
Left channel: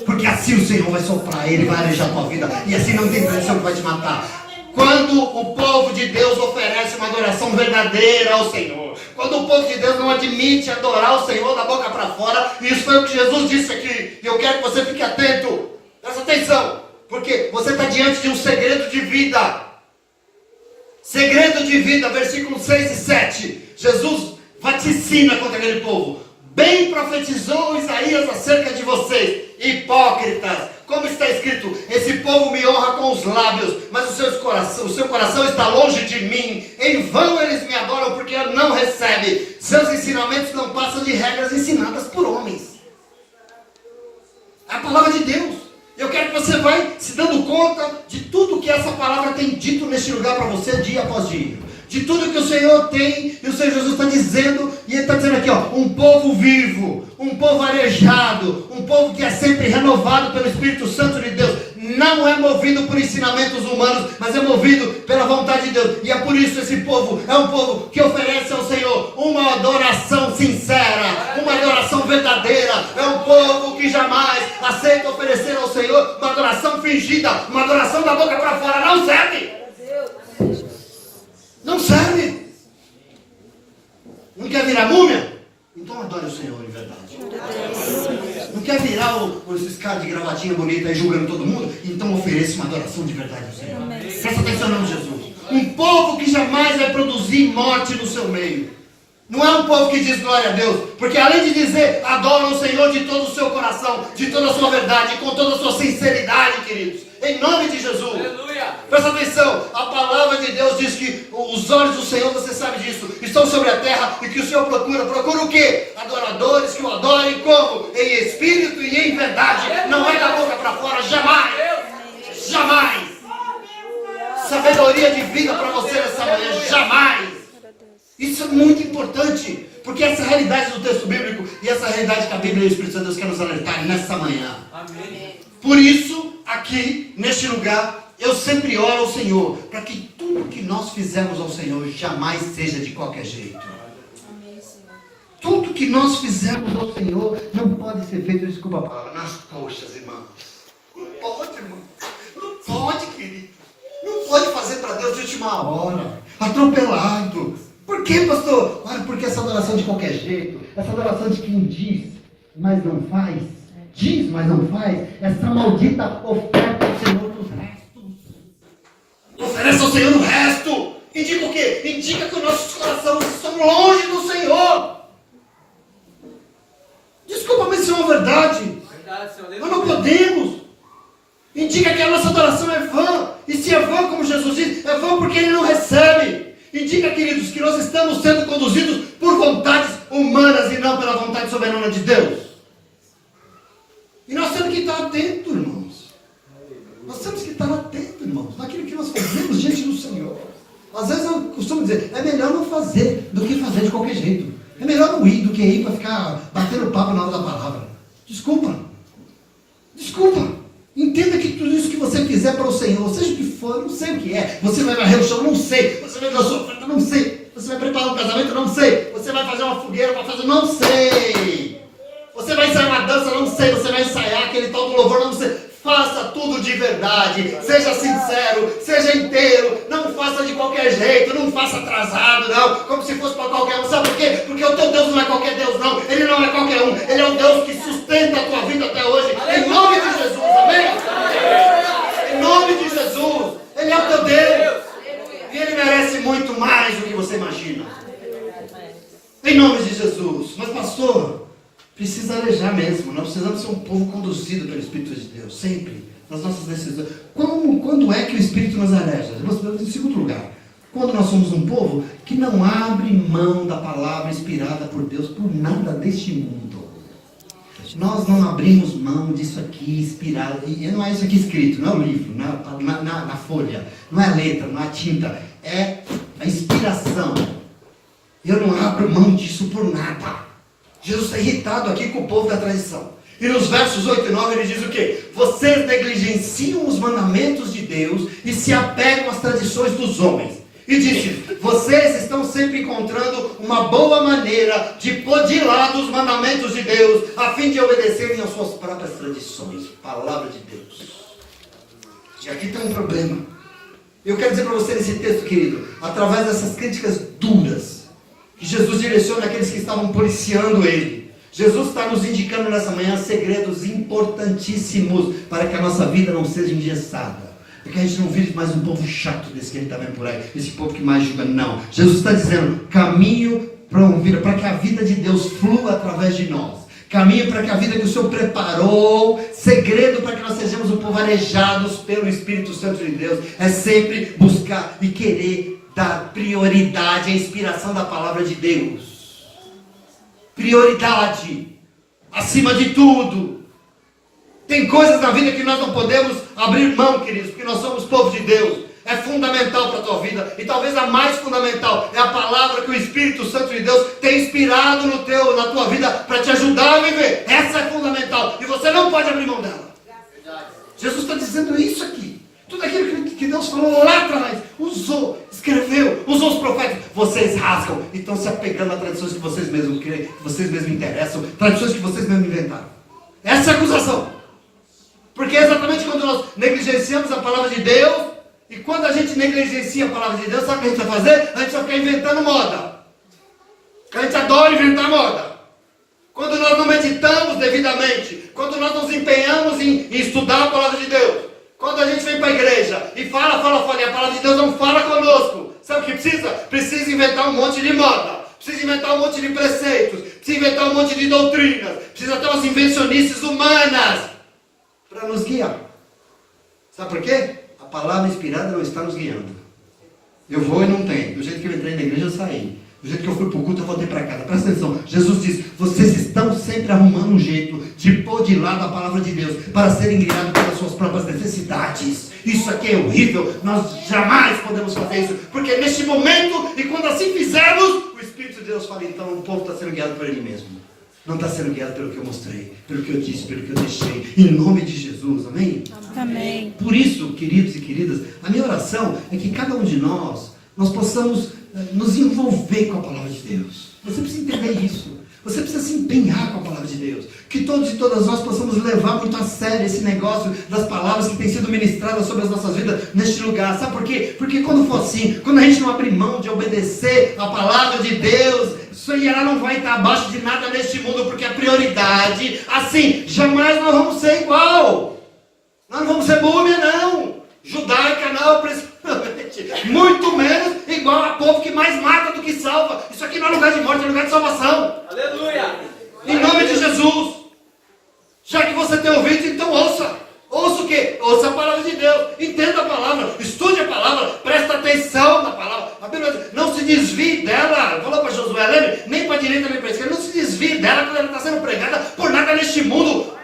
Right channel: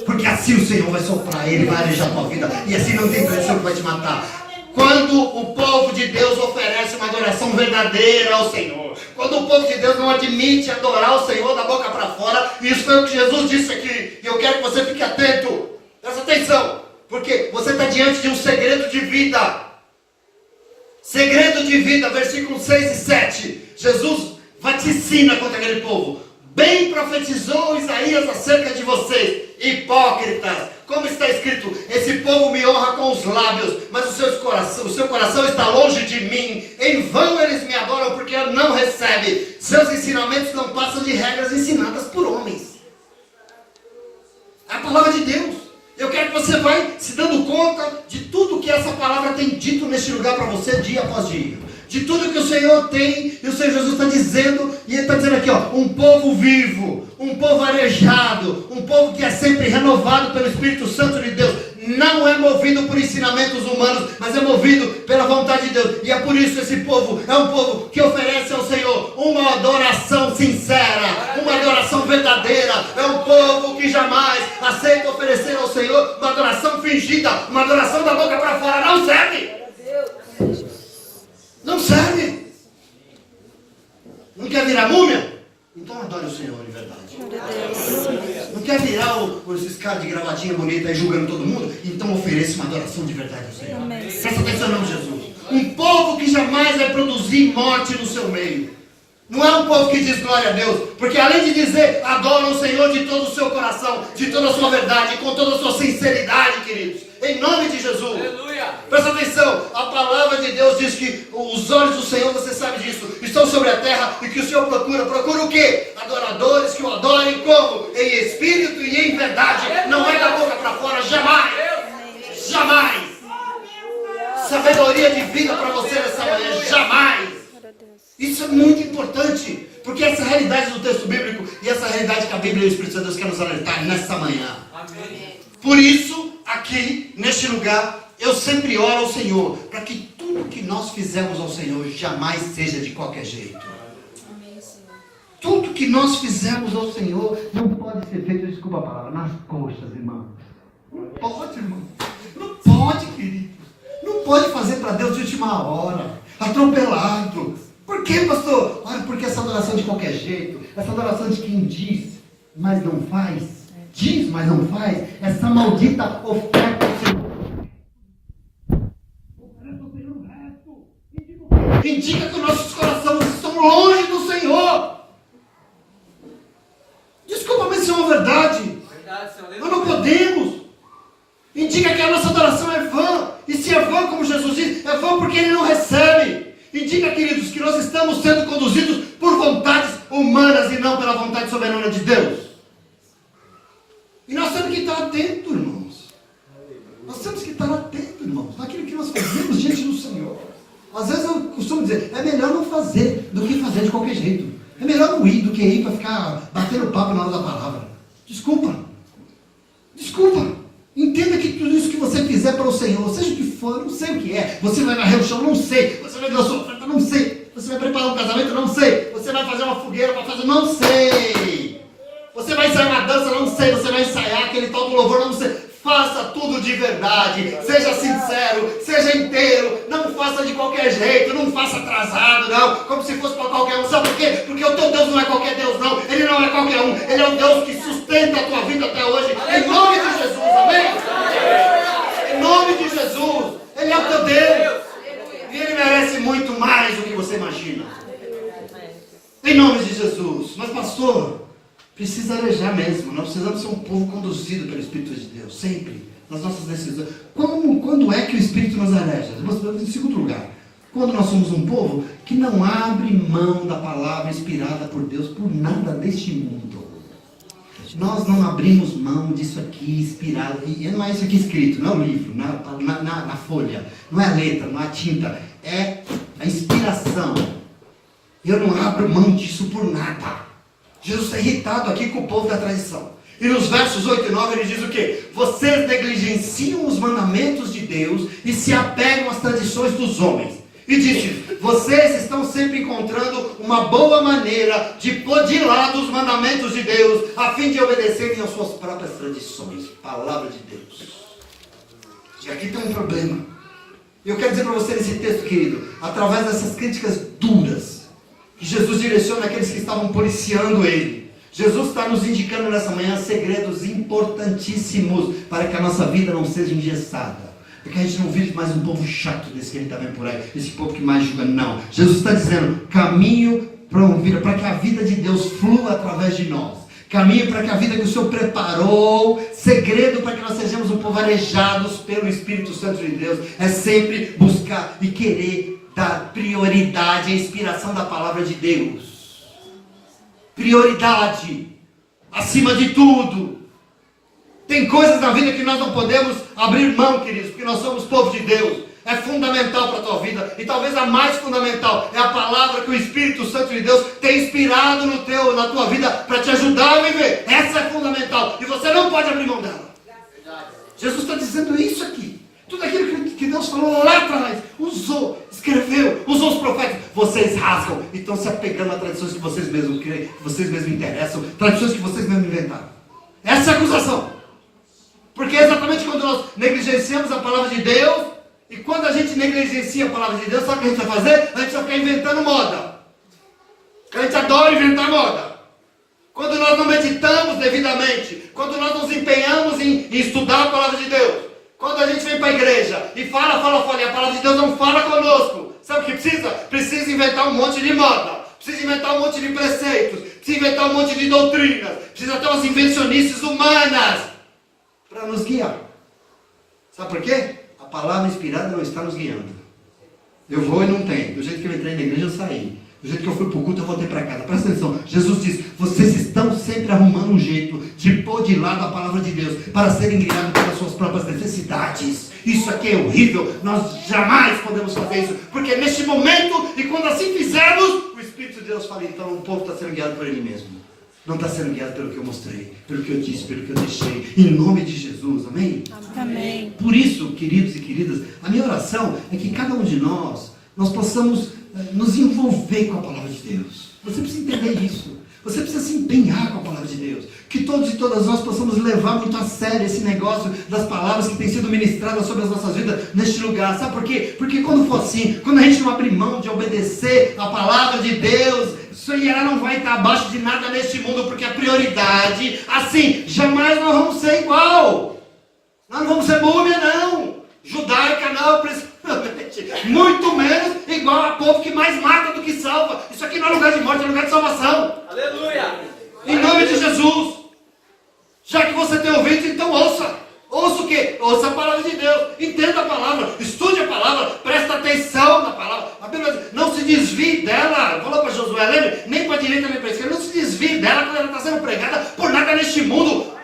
porque assim o Senhor vai soprar, Ele vai arejar a tua vida, e assim não tem pressão que vai te matar. Quando o povo de Deus oferece uma adoração verdadeira ao Senhor, quando o povo de Deus não admite adorar o Senhor da boca para fora, isso foi o que Jesus disse aqui, e eu quero que você fique atento, presta atenção, porque você está diante de um segredo de vida. Segredo de vida, versículos 6 e 7. Jesus vaticina contra aquele povo. Bem profetizou Isaías acerca de vocês, hipócritas. Como está escrito, esse povo me honra com os lábios, mas o seu coração está longe de mim. Em vão eles me adoram, porque não recebem. Seus ensinamentos não passam de regras ensinadas por homens. É a palavra de Deus. Eu quero que você vai se dando conta de tudo que essa palavra tem dito neste lugar para você, dia após dia. De tudo que o Senhor tem, e o Senhor Jesus está dizendo, e Ele está dizendo aqui, ó, um povo vivo, um povo arejado, um povo que é sempre renovado pelo Espírito Santo de Deus, não é movido por ensinamentos humanos, mas é movido pela vontade de Deus, e é por isso esse povo é um povo que oferece ao Senhor uma adoração sincera, uma adoração verdadeira, é um povo que jamais aceita oferecer ao Senhor uma adoração fingida, uma adoração da boca para fora, não serve! Não serve. Não quer virar múmia? Então adore o Senhor em verdade. Não quer virar esses caras de gravatinha bonita aí julgando todo mundo? Então ofereça uma adoração de verdade ao Senhor. Presta atenção no nome de Jesus. Um povo que jamais vai produzir morte no seu meio. Não é um povo que diz glória a Deus, porque além de dizer adora o Senhor de todo o seu coração, de toda a sua verdade, com toda a sua sinceridade, queridos, em nome de Jesus. Aleluia. Presta atenção, a palavra de Deus diz que os olhos do Senhor, você sabe disso, estão sobre a terra, e que o Senhor procura o quê? Adoradores que o adorem como? Em espírito e em verdade, não é da boca para fora, jamais, jamais. Sabedoria de vida para você nessa manhã, jamais. Isso é muito importante, porque essa é a realidade do texto bíblico, e essa é a realidade que a Bíblia e o Espírito Santo de Deus quer nos alertar nessa manhã. Amém. Por isso, aqui, neste lugar, eu sempre oro ao Senhor, para que tudo que nós fizermos ao Senhor jamais seja de qualquer jeito. Amém, Senhor. Tudo que nós fizermos ao Senhor não pode ser feito, desculpa a palavra, nas coxas, irmãos. Não pode, irmão. Não pode, querido. Não pode fazer para Deus de última hora, atropelado. Por que, pastor? Olha, porque essa adoração de qualquer jeito, essa adoração de quem diz, mas não faz, diz, mas não faz, essa maldita oferta ao Senhor no resto. Oferece ao Senhor no resto. Indica o quê? Indica que os nossos corações estão longe do Senhor. Desculpa, mas isso é uma verdade. Nós não podemos. Indica que a nossa adoração é vã. E se é vã, como Jesus diz, é vã porque Ele não recebe. Indica, queridos, que nós estamos sendo conduzidos por vontades humanas e não pela vontade soberana de Deus. E nós temos que estar atentos, irmãos. Nós temos que estar atentos, irmãos, naquilo que nós fazemos diante do Senhor. Às vezes eu costumo dizer, é melhor não fazer do que fazer de qualquer jeito. É melhor não ir do que ir para ficar batendo papo na hora da palavra. Desculpa. Entenda que tudo isso que você fizer para o Senhor, seja o que for, não sei o que é. Você vai varrer o chão, não sei. Você vai dar sua oferta, não sei. Você vai preparar um casamento, não sei. Você vai fazer uma fogueira, não sei. Você vai ensaiar uma dança, não sei. Você vai ensaiar aquele tal do louvor, não sei. Faça tudo de verdade. Seja sincero, seja inteiro. Não faça de qualquer jeito, não faça atrasado, não. Como se fosse para qualquer um. Sabe por quê? Porque o teu Deus não é qualquer Deus, não. Ele não é qualquer um. Ele é um Deus que sustenta a tua vida até hoje. Em nome de Jesus, amém? Em nome de Jesus. Ele é o teu Deus. E Ele merece muito mais do que você imagina. Em nome de Jesus. Mas pastor, precisa arejar mesmo. Nós precisamos ser um povo conduzido pelo Espírito de Deus. Sempre. Nas nossas decisões. Quando é que o Espírito nos areja? Em segundo lugar. Quando nós somos um povo que não abre mão da palavra inspirada por Deus por nada deste mundo. Nós não abrimos mão disso aqui inspirado. E não é isso aqui escrito, não é o livro, na folha. não é a letra, não é a tinta, é a inspiração. Eu não abro mão disso por nada. Jesus está irritado aqui com o povo da tradição. E nos versos 8 e 9 ele diz o quê? Vocês negligenciam os mandamentos de Deus e se apegam às tradições dos homens. E disse, vocês estão sempre encontrando uma boa maneira de pôr de lado os mandamentos de Deus, a fim de obedecerem às suas próprias tradições. Palavra de Deus. E aqui tem um problema. Eu quero dizer para você nesse texto, querido, através dessas críticas duras, que Jesus direciona aqueles que estavam policiando ele. Jesus está nos indicando nessa manhã segredos importantíssimos para que a nossa vida não seja engessada. Para que a gente não vire mais um povo chato desse que a gente está vendo por aí, esse povo que mais julga. Não. Jesus está dizendo, caminho para que a vida de Deus flua através de nós. Caminho para que a vida que o Senhor preparou, segredo para que nós sejamos um povo arejados pelo Espírito Santo de Deus, é sempre buscar e querer dar prioridade à inspiração da palavra de Deus. Prioridade, acima de tudo. Tem coisas na vida que nós não podemos abrir mão, queridos, porque nós somos povo de Deus. É fundamental para a tua vida. E talvez a mais fundamental é a palavra que o Espírito Santo de Deus tem inspirado na tua vida para te ajudar a viver. Essa é fundamental. E você não pode abrir mão dela. Jesus está dizendo isso aqui. Tudo aquilo que Deus falou lá atrás, usou, escreveu, usou os profetas. Vocês rasgam e estão se apegando a tradições que vocês mesmos creem, que vocês mesmos interessam, tradições que vocês mesmos inventaram. Essa é a acusação. Porque é exatamente quando nós negligenciamos a palavra de Deus, e quando a gente negligencia a palavra de Deus, sabe o que a gente vai fazer? A gente vai ficar inventando moda. A gente adora inventar moda. Quando nós não meditamos devidamente, quando nós nos empenhamos em estudar a palavra de Deus, quando a gente vem para a igreja e fala, e a palavra de Deus não fala conosco, sabe o que precisa? Precisa inventar um monte de moda, precisa inventar um monte de preceitos, precisa inventar um monte de doutrinas, precisa ter umas invencionices humanas para nos guiar. Sabe por quê? A palavra inspirada não está nos guiando. Eu vou e não tem. Do jeito que eu entrei na igreja, eu saí. Do jeito que eu fui para o culto, eu voltei para casa. Presta atenção. Jesus diz, vocês estão sempre arrumando um jeito de pôr de lado a palavra de Deus para serem guiados pelas suas próprias necessidades. Isso aqui é horrível. Nós jamais podemos fazer isso. Porque neste momento, e quando assim fizermos, o Espírito de Deus fala, então o povo está sendo guiado por ele mesmo. Não está sendo guiado pelo que eu mostrei, pelo que eu disse, pelo que eu deixei. Em nome de Jesus, amém? Amém. Por isso, queridos e queridas, a minha oração é que cada um de nós possamos nos envolver com a palavra de Deus. Você precisa entender isso. Você precisa se empenhar com a palavra de Deus. Que todos e todas nós possamos levar muito a sério esse negócio das palavras que têm sido ministradas sobre as nossas vidas neste lugar. Sabe por quê? Porque quando for assim, quando a gente não abrir mão de obedecer a palavra de Deus, isso aí ela não vai estar abaixo de nada neste mundo, porque a prioridade, assim, jamais nós vamos ser igual. Nós não vamos ser múmia, não. Judaica, não, principalmente. Muito menos igual a povo que mais mata do que salva. Isso aqui não é lugar de morte, é lugar de salvação. Aleluia! Em nome de Jesus. Já que você tem ouvido, então ouça. Ouça o quê? Ouça a palavra de Deus. Entenda a palavra. Estude a palavra. Presta atenção na palavra. A Bíblia diz, não se desvie dela. Falou para Josué, lembre? Nem para a direita nem para a esquerda. Não se desvie dela quando ela está sendo pregada por nada neste mundo.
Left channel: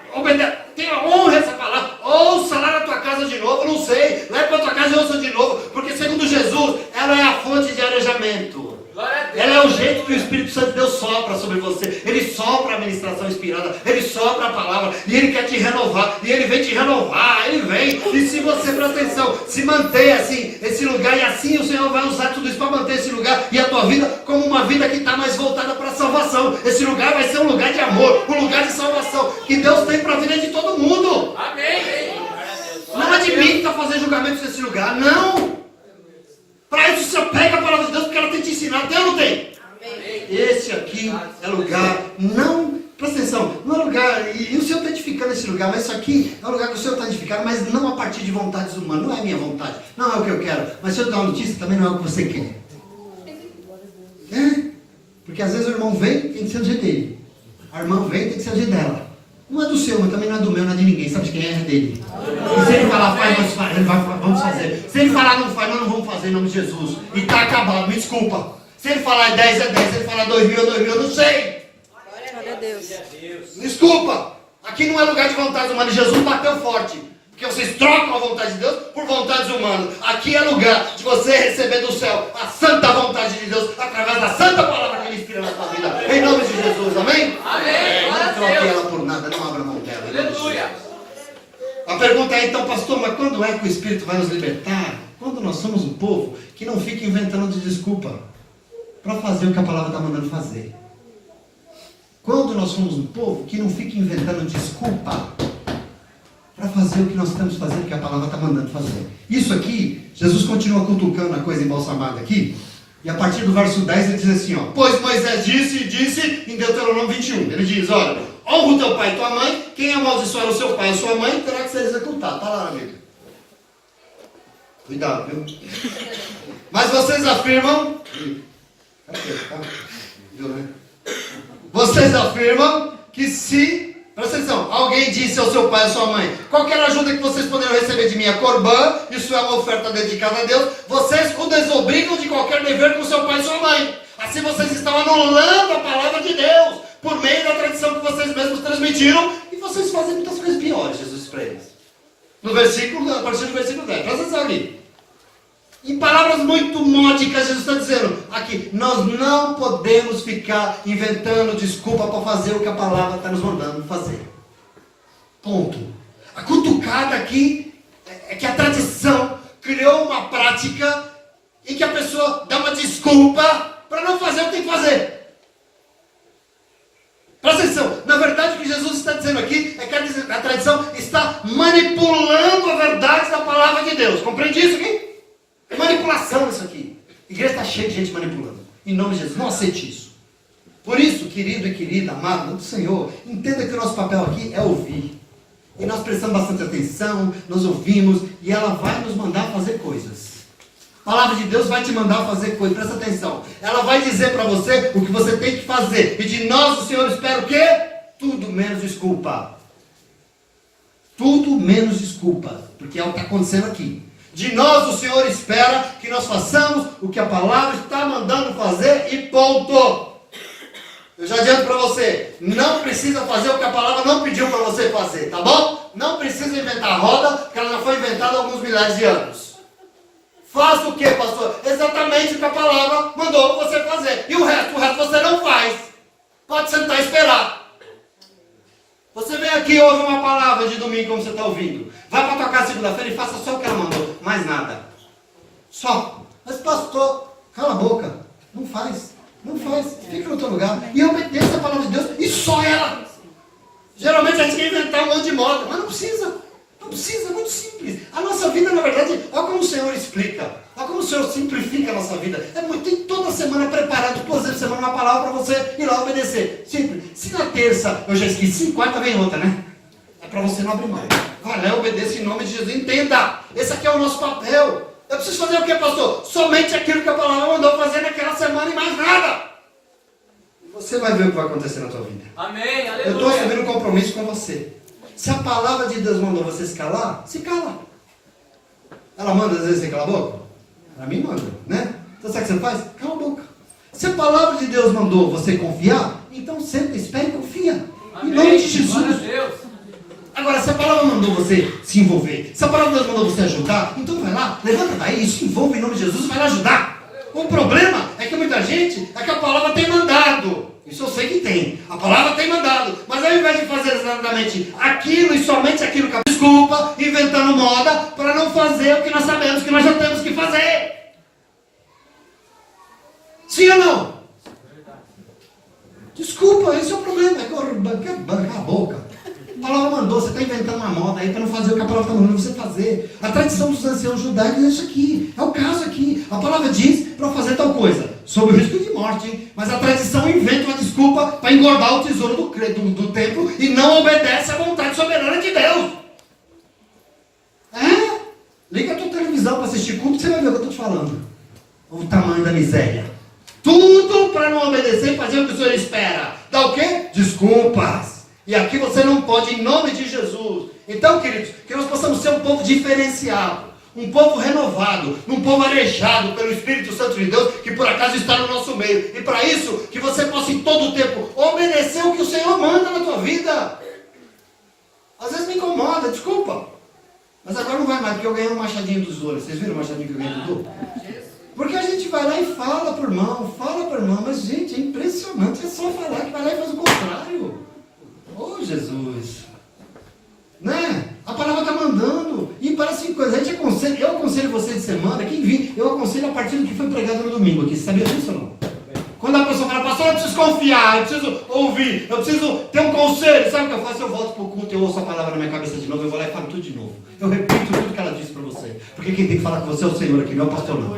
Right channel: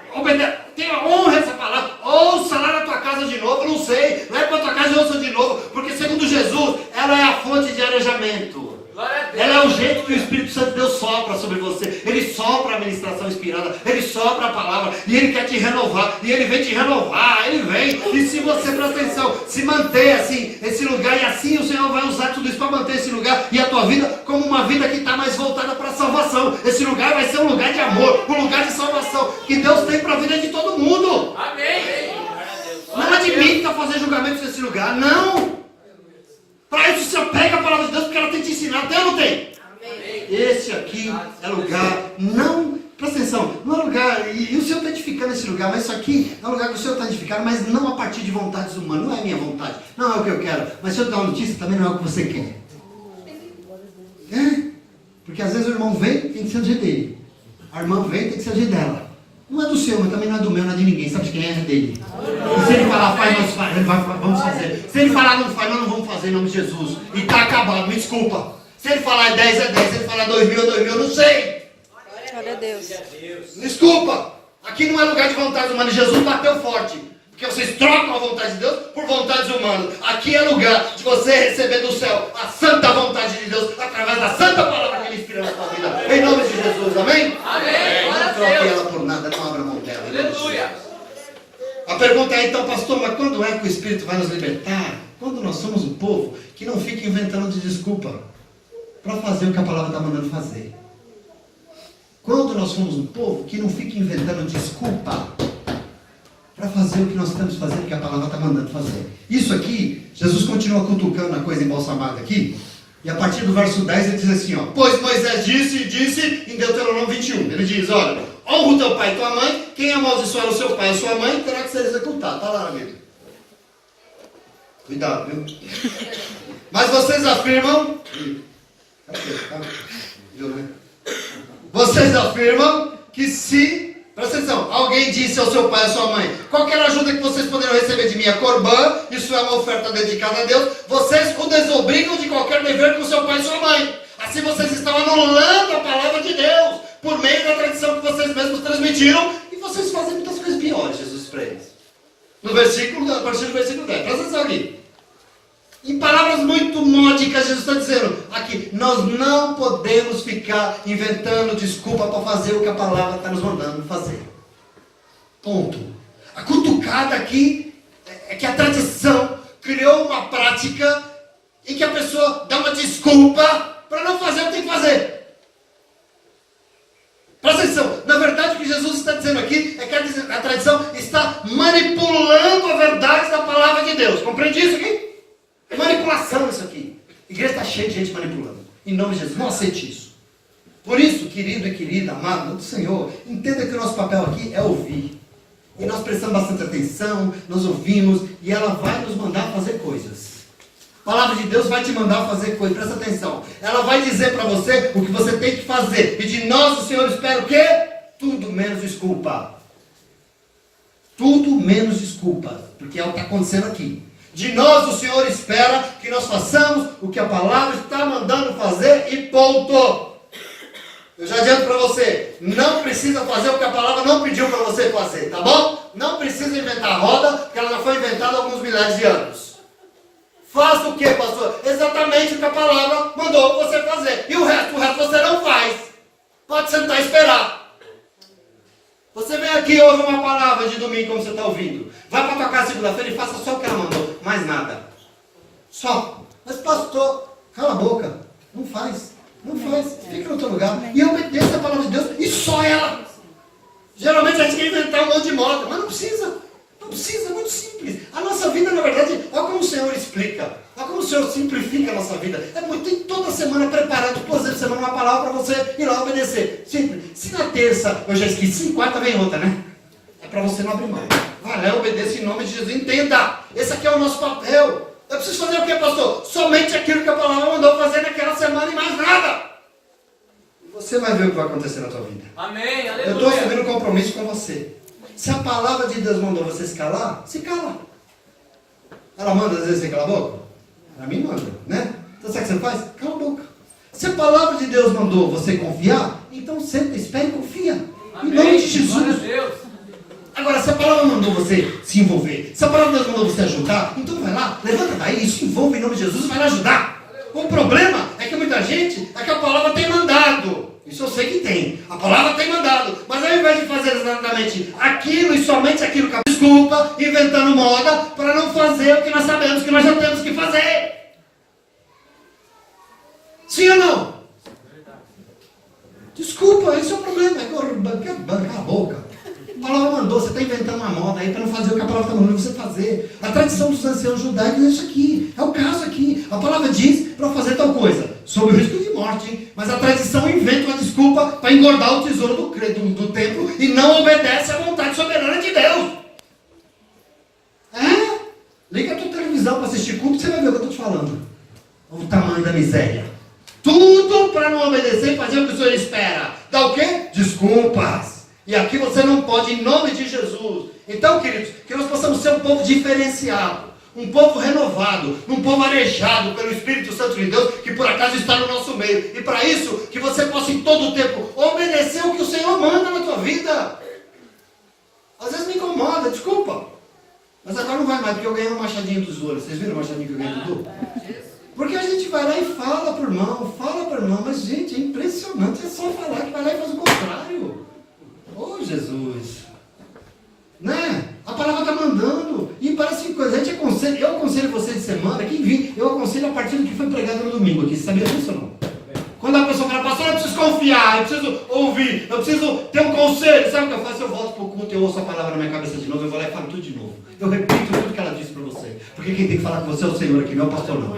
Tenha honra essa palavra. Ouça lá na tua casa de novo. Não sei. Leve para a tua casa e ouça de novo. Porque segundo Jesus, ela é a fonte de arejamento. Ela é o jeito que o Espírito Santo de Deus sopra sobre você. Ele sopra a ministração inspirada. Ele sopra a palavra. E Ele quer te renovar. E Ele vem te renovar. Ele vem. E se você, presta atenção, se manter assim, esse lugar. E assim o Senhor vai usar tudo isso para manter esse lugar e a tua vida como uma vida que está mais voltada para a salvação. Esse lugar vai ser um lugar de amor. Um lugar de salvação. Que Deus tem para a vida de todo mundo. Amém! Não admita fazer julgamentos nesse lugar. Não. Para isso se apega a palavra de Deus, porque ela tem te ensinado. Tem ou não tem? Amém. Esse aqui é lugar, não, presta atenção, não é lugar, e o Senhor está edificando esse lugar, mas isso aqui é um lugar que o Senhor está edificando, mas não a partir de vontades humanas, não é a minha vontade, não é o que eu quero, mas se eu dar uma notícia, também não é o que você quer. É? Porque às vezes o irmão vem, tem que ser do jeito dele. A irmã vem, tem que ser do jeito dela. Não é do seu, mas também não é do meu, não é de ninguém. Sabe de quem é? É dele. E se ele falar faz, nós faz, ele vai, vamos fazer. Se ele falar não faz, nós não vamos fazer em nome de Jesus. E está acabado, me desculpa. Se ele falar 10 é 10, se ele falar 2.000 é 2.000, eu não sei. Glória a Deus. Desculpa. Aqui não é lugar de vontade humana. Jesus bateu forte. Porque vocês trocam a vontade de Deus por vontades humanas. Aqui é lugar de você receber do céu a santa vontade de Deus através da santa palavra que Ele inspira na sua vida. Em nome de Jesus, amém? Amém. Não troque ela por nada, não abra mão dela. Aleluia. A pergunta é então, pastor, mas quando é que o Espírito vai nos libertar? Quando nós somos um povo que não fica inventando de desculpa para fazer o que a palavra está mandando fazer. Quando nós somos um povo que não fica inventando desculpa para fazer o que nós estamos fazendo, que a palavra está mandando fazer. Isso aqui, Jesus continua cutucando a coisa embalsamada aqui, e a partir do verso 10 ele diz assim, ó, pois Moisés disse em Deuteronômio 21, ele diz, olha, honra o teu pai e tua mãe, quem amaldiçoar o seu pai ou sua mãe terá que ser executado. Está lá, amigo. Cuidado, viu? Mas vocês afirmam, vocês afirmam que se, presta atenção, alguém disse ao seu pai ou sua mãe, qualquer ajuda que vocês poderão receber de mim é corbã, isso é uma oferta dedicada a Deus, vocês o desobrigam de qualquer dever com seu pai e sua mãe. Assim vocês estão anulando a palavra de Deus, por meio da tradição que vocês mesmos transmitiram, e vocês fazem muitas coisas piores, Jesus para eles. No versículo, a partir do versículo 10, presta atenção aqui. Em palavras muito módicas, Jesus está dizendo aqui, nós não podemos ficar inventando desculpa para fazer o que a palavra está nos mandando fazer. Ponto. A cutucada aqui é que a tradição criou uma prática em que a pessoa dá uma desculpa para não fazer o que tem que fazer. Presta atenção, na verdade o que Jesus está dizendo aqui é que a tradição está manipulando a verdade da palavra de Deus. Compreende isso aqui? É manipulação isso aqui. A igreja está cheia de gente manipulando. Em nome de Jesus, não aceite isso. Por isso, querido e querida, amado do Senhor, entenda que o nosso papel aqui é ouvir. E nós prestamos bastante atenção, nós ouvimos, e ela vai nos mandar fazer coisas. A palavra de Deus vai te mandar fazer coisas, presta atenção. Ela vai dizer para você o que você tem que fazer. E de nós o Senhor espera o quê? Tudo menos desculpa. Tudo menos desculpa. Porque é o que está acontecendo aqui. De nós o Senhor espera que nós façamos o que a palavra está mandando fazer e ponto. Eu já adianto para você, não precisa fazer o que a palavra não pediu para você fazer, tá bom? Não precisa inventar a roda, porque ela já foi inventada há alguns milhares de anos. Faça o que, pastor? Exatamente o que a palavra mandou você fazer. E o resto você não faz. Pode sentar e esperar. Você vem aqui e ouve uma palavra de domingo como você está ouvindo. Vai para tua casa segunda-feira e faça só o que ela mandou. Mais nada. Só. Mas pastor, cala a boca. Não faz. Não faz. Fica no teu lugar. E obedeça a palavra de Deus. E só ela. Geralmente a gente quer inventar um monte de moda. Mas não precisa. Não precisa. É muito simples. A nossa vida, na verdade, olha como o Senhor explica. Olha como o Senhor simplifica a nossa vida. É muito, tem toda semana preparado, toda semana uma palavra para você ir lá obedecer. Simples. Se na terça eu já esqueci, quarta vem outra, né? É para você não abrir mão. Vai lá, obedeça em nome de Jesus. Entenda. Esse aqui é o nosso papel. Eu preciso fazer o que, pastor? Somente aquilo que a palavra mandou fazer naquela semana e mais nada. Você vai ver o que vai acontecer na tua vida. Amém. Eu estou assumindo um compromisso com você. Se a palavra de Deus mandou você se calar, se cala. Ela manda às vezes você cala a boca? Para mim manda, né? Então sabe o que você faz? Cala a boca. Se a palavra de Deus mandou você confiar, então senta, espere e confia. Amém. Em nome de Jesus. Agora, se a palavra mandou você se envolver, se a palavra de Deus mandou você ajudar, então vai lá, levanta daí, se envolve em nome de Jesus e vai lá ajudar. O problema é que muita gente, é que a palavra tem mandado. Isso eu sei que tem. A palavra tem mandado. Mas ao invés de fazer exatamente aquilo e somente aquilo que a desculpa, inventando moda, para não fazer o que nós sabemos que nós já temos que fazer. Sim ou não? Desculpa, esse é o problema. É bancar a boca. A palavra mandou, você está inventando uma moda aí para não fazer o que a palavra está mandando você fazer. A tradição dos anciãos judaicos é isso aqui. É o caso aqui. A palavra diz para fazer tal coisa, sob o risco de morte. Mas a tradição inventa uma desculpa para engordar o tesouro do templo e não obedece à vontade soberana de Deus. É? Liga a tua televisão para assistir culto, você vai ver o que eu estou te falando. O tamanho da miséria. Tudo para não obedecer e fazer o que o Senhor espera. Dá o quê? Desculpas. E aqui você não pode, em nome de Jesus. Então, queridos, que nós possamos ser um povo diferenciado, um povo renovado, um povo arejado pelo Espírito Santo de Deus, que por acaso está no nosso meio. E para isso, que você possa em todo o tempo obedecer o que o Senhor manda na tua vida. Às vezes me incomoda, desculpa. agora não vai mais, porque eu ganhei um machadinho dos olhos. Vocês viram o machadinho que eu ganhei do Dudu? Porque a gente vai lá e fala pro irmão, mas gente, é impressionante, é só falar que vai lá e faz o contrário. Oh, Jesus! Né? A palavra está mandando, e parece que coisa, a gente aconselha, eu aconselho vocês de semana, quem vir, eu aconselho a partir do que foi pregado no domingo aqui, sabia disso ou não? Quando a pessoa fala, pastor, eu preciso confiar, eu preciso ouvir, eu preciso ter um conselho, sabe o que eu faço? Eu volto para o culto, eu ouço a palavra na minha cabeça de novo, eu vou lá e falo tudo de novo. Eu repito tudo que ela disse para você, porque quem tem que falar com você é o Senhor aqui, não é o pastor não.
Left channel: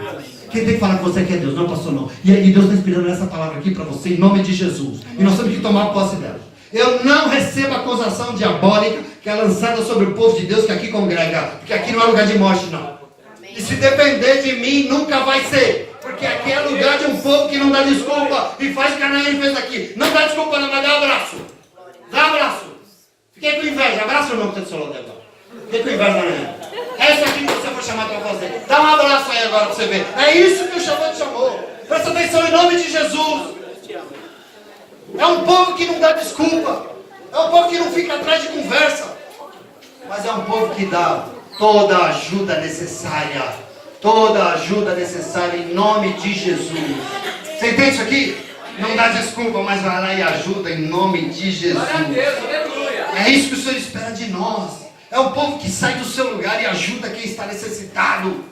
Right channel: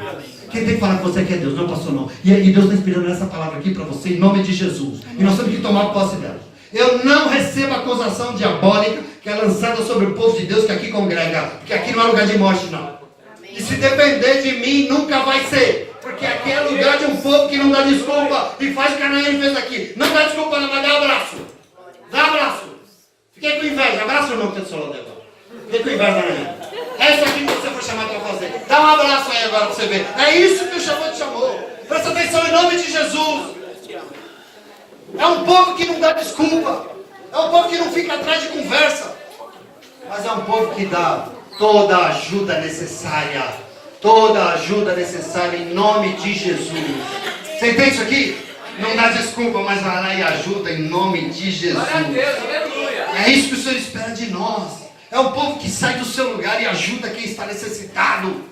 Quem tem que falar com você aqui é Deus, não é o pastor não. E Deus está inspirando essa palavra aqui para você, em nome de Jesus. E nós temos que tomar posse dela. Eu não recebo acusação diabólica que é lançada sobre o povo de Deus que aqui congrega, porque aqui não é lugar de morte não. E se depender de mim, nunca vai ser. Porque aqui é lugar de um povo que não dá desculpa e faz o que a Anaí fez aqui. Não dá desculpa, não, mas dá um abraço. Dá um abraço. Fiquei com inveja. Abraço ou não que tem do seu lado agora? Fiquei com inveja, Anaí. É isso aqui que você foi chamado para fazer. Dá um abraço aí agora para você ver. É isso que o chamou te chamou. Presta atenção em nome de Jesus. É um povo que não dá desculpa. É um povo que não fica atrás de conversa. Mas é um povo que dá toda a ajuda necessária. Toda a ajuda necessária em nome de Jesus. Você entende isso aqui? Não dá desculpa, mas vai lá e ajuda em nome de Jesus. É isso que o Senhor espera de nós. É um povo que sai do seu lugar e ajuda quem está necessitado.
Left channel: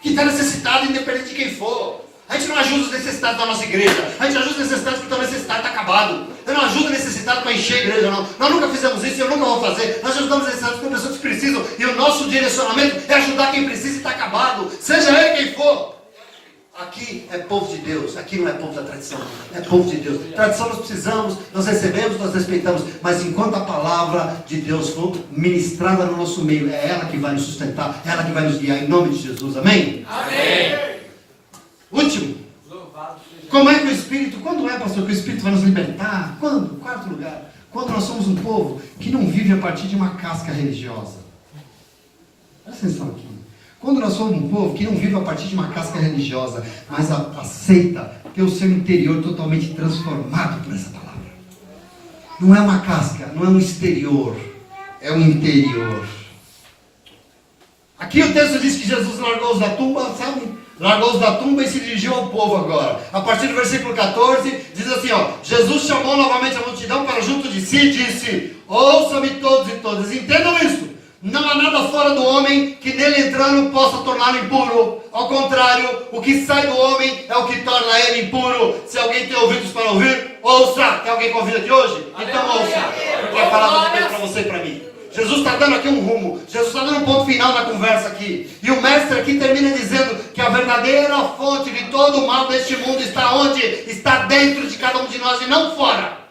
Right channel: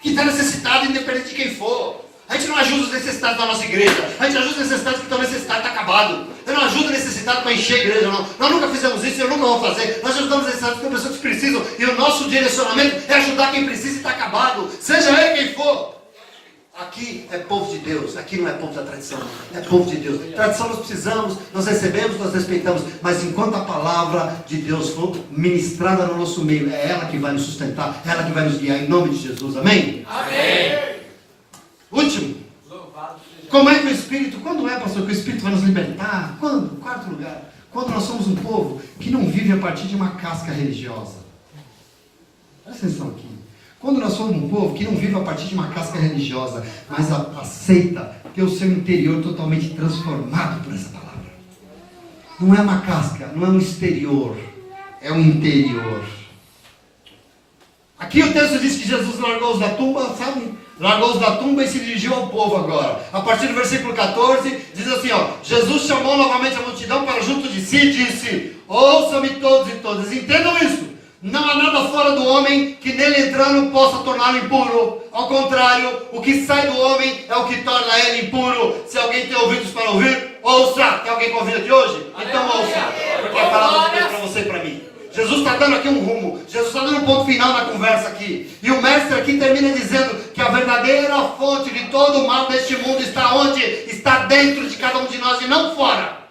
Que está necessitado independente de quem for. A gente não ajuda os necessitados da nossa igreja. A gente ajuda os necessitados porque o necessitado está acabado. Eu não ajudo o necessitado para encher a igreja, não. Nós nunca fizemos isso e eu nunca vou fazer. Nós ajudamos os necessitados porque pessoas que precisam. E o nosso direcionamento é ajudar quem precisa e está acabado. Seja ele quem for. Aqui é povo de Deus. Aqui não é povo da tradição. É povo de Deus. Tradição nós precisamos, nós recebemos, nós respeitamos. Mas enquanto a palavra de Deus for ministrada no nosso meio, é ela que vai nos sustentar. É ela que vai nos guiar. Em nome de Jesus. Amém? Amém. Último. Como é que o Espírito, quando é, pastor, que o Espírito vai nos libertar? Quando? Quarto lugar. Quando nós somos um povo que não vive a partir de uma casca religiosa. Vocês estão aqui. Quando nós somos um povo que não vive a partir de uma casca religiosa, mas aceita ter o seu interior totalmente transformado por essa palavra. Não é uma casca, não é um exterior, é um interior. Aqui o texto diz que Jesus largou-os da tumba, sabe? Largou-os da tumba e se dirigiu ao povo agora. A partir do versículo 14, diz assim, ó. Jesus chamou novamente a multidão para junto de si e disse, ouçam-me todos e todas, entendam isso. Não há nada fora do homem que nele entrando possa torná-lo impuro. Ao contrário, o que sai do homem é o que torna ele impuro. Se alguém tem ouvidos para ouvir, ouça. Tem alguém com ouvido aqui hoje? Então ouça. Porque a palavra de Deus para você e para mim. Jesus está dando aqui um rumo. Jesus está dando um ponto final na conversa aqui. E o mestre aqui termina dizendo que a verdadeira fonte de todo o mal deste mundo está onde? Está dentro de cada um de nós e não fora.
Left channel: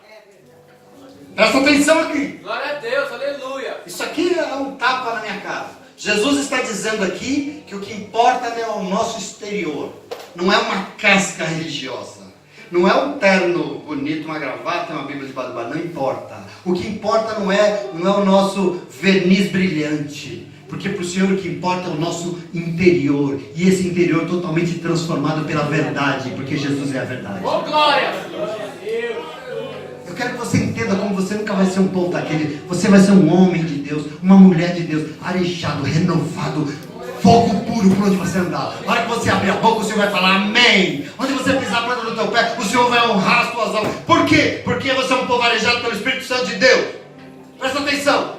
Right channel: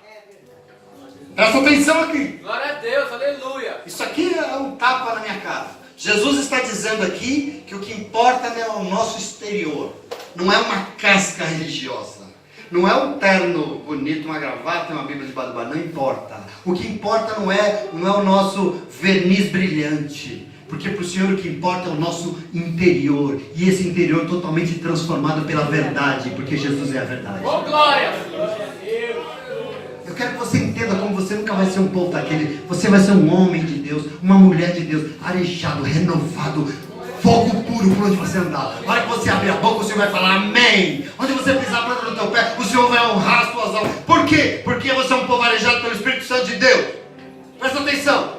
Presta atenção aqui. Glória a Deus, aleluia. Isso aqui é um tapa na minha cara. Jesus está dizendo aqui que o que importa é o nosso exterior. Não é uma casca religiosa. Não é um terno bonito, uma gravata, uma bíblia de badubá. Não importa. O que importa não é o nosso verniz brilhante. Porque para o Senhor o que importa é o nosso interior. E esse interior totalmente transformado pela verdade. Porque Jesus é a verdade. Oh, glória. Eu quero que você entenda como você nunca vai ser um povo daquele. Você vai ser um homem de Deus, uma mulher de Deus, arejado, renovado, fogo puro por onde você andar. Na hora que você abrir a boca, o Senhor vai falar amém. Onde você pisar a planta do teu pé, o Senhor vai honrar as tuas obras. Por quê? Porque você é um povo arejado pelo Espírito Santo de Deus. Presta atenção.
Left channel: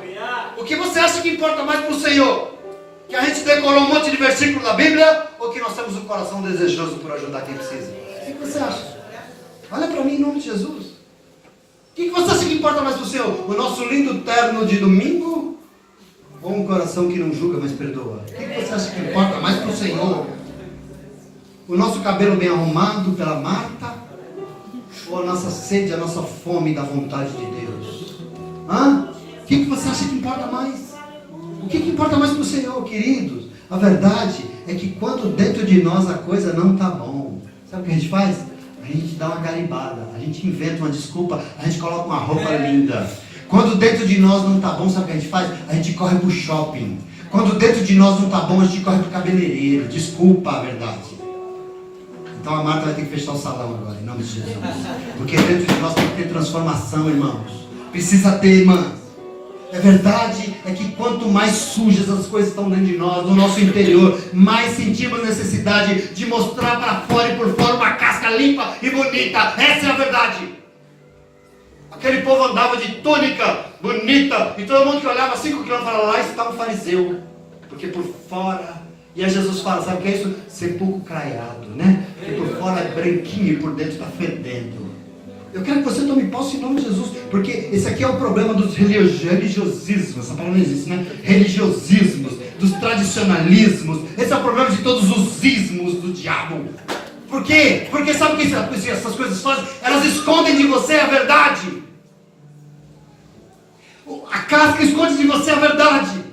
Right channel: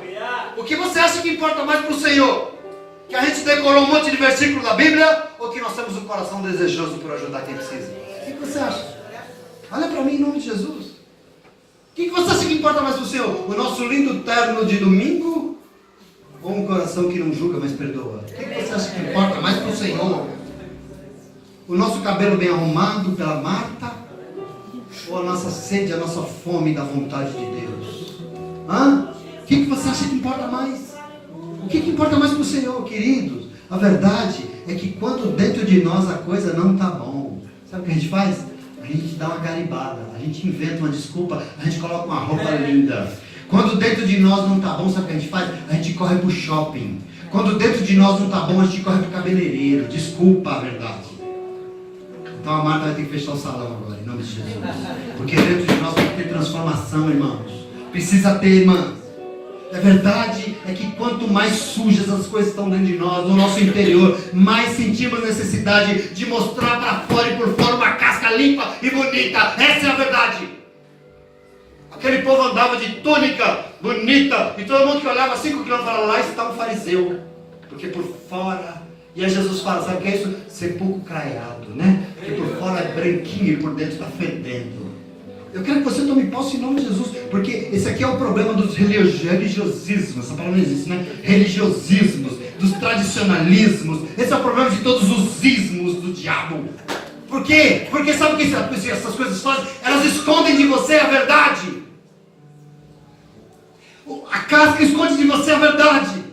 O que você acha que importa mais para o Senhor? Que a gente decorou um monte de versículos da Bíblia? Ou que nós temos um coração desejoso por ajudar quem precisa? O que você acha? Olha para mim em nome de Jesus. O que você acha que importa mais para o Senhor? O nosso lindo terno de domingo? Ou um coração que não julga, mas perdoa? O que você acha que importa mais para o Senhor? O nosso cabelo bem arrumado pela Marta? Ou a nossa sede, a nossa fome da vontade de Deus? Hã? O que você acha que importa mais? O que importa mais para o Senhor, queridos? A verdade é que quando dentro de nós a coisa não está bom, sabe o que a gente faz? A gente dá uma garibada, a gente inventa uma desculpa, a gente coloca uma roupa linda. Quando dentro de nós não está bom, sabe o que a gente faz? A gente corre para o shopping. Quando dentro de nós não está bom, a gente corre para o cabeleireiro. Desculpa a verdade. Então a Marta vai ter que fechar o salão agora, em nome de Jesus. Porque dentro de nós tem que ter transformação, irmãos. Precisa ter, irmãs. A verdade é que quanto mais sujas as coisas estão dentro de nós, no nosso interior, mais sentimos necessidade de mostrar para fora e por fora uma casca limpa e bonita. Essa é a verdade. Aquele povo andava de túnica bonita e todo mundo que olhava 5 quilômetros falava, lá está um fariseu. Porque por fora... E aí Jesus fala, sabe o que é isso? Sepulcro craiado, né? Porque por fora é branquinho e por dentro está fedendo. Eu quero que você tome posse em nome de Jesus, porque esse aqui é o problema dos religiosismos, essa palavra não existe, né? Religiosismos, dos tradicionalismos, esse é o problema de todos os ismos do diabo. Por quê? Porque sabe o que essas coisas fazem? Elas escondem de você a verdade. A casca esconde de você a verdade.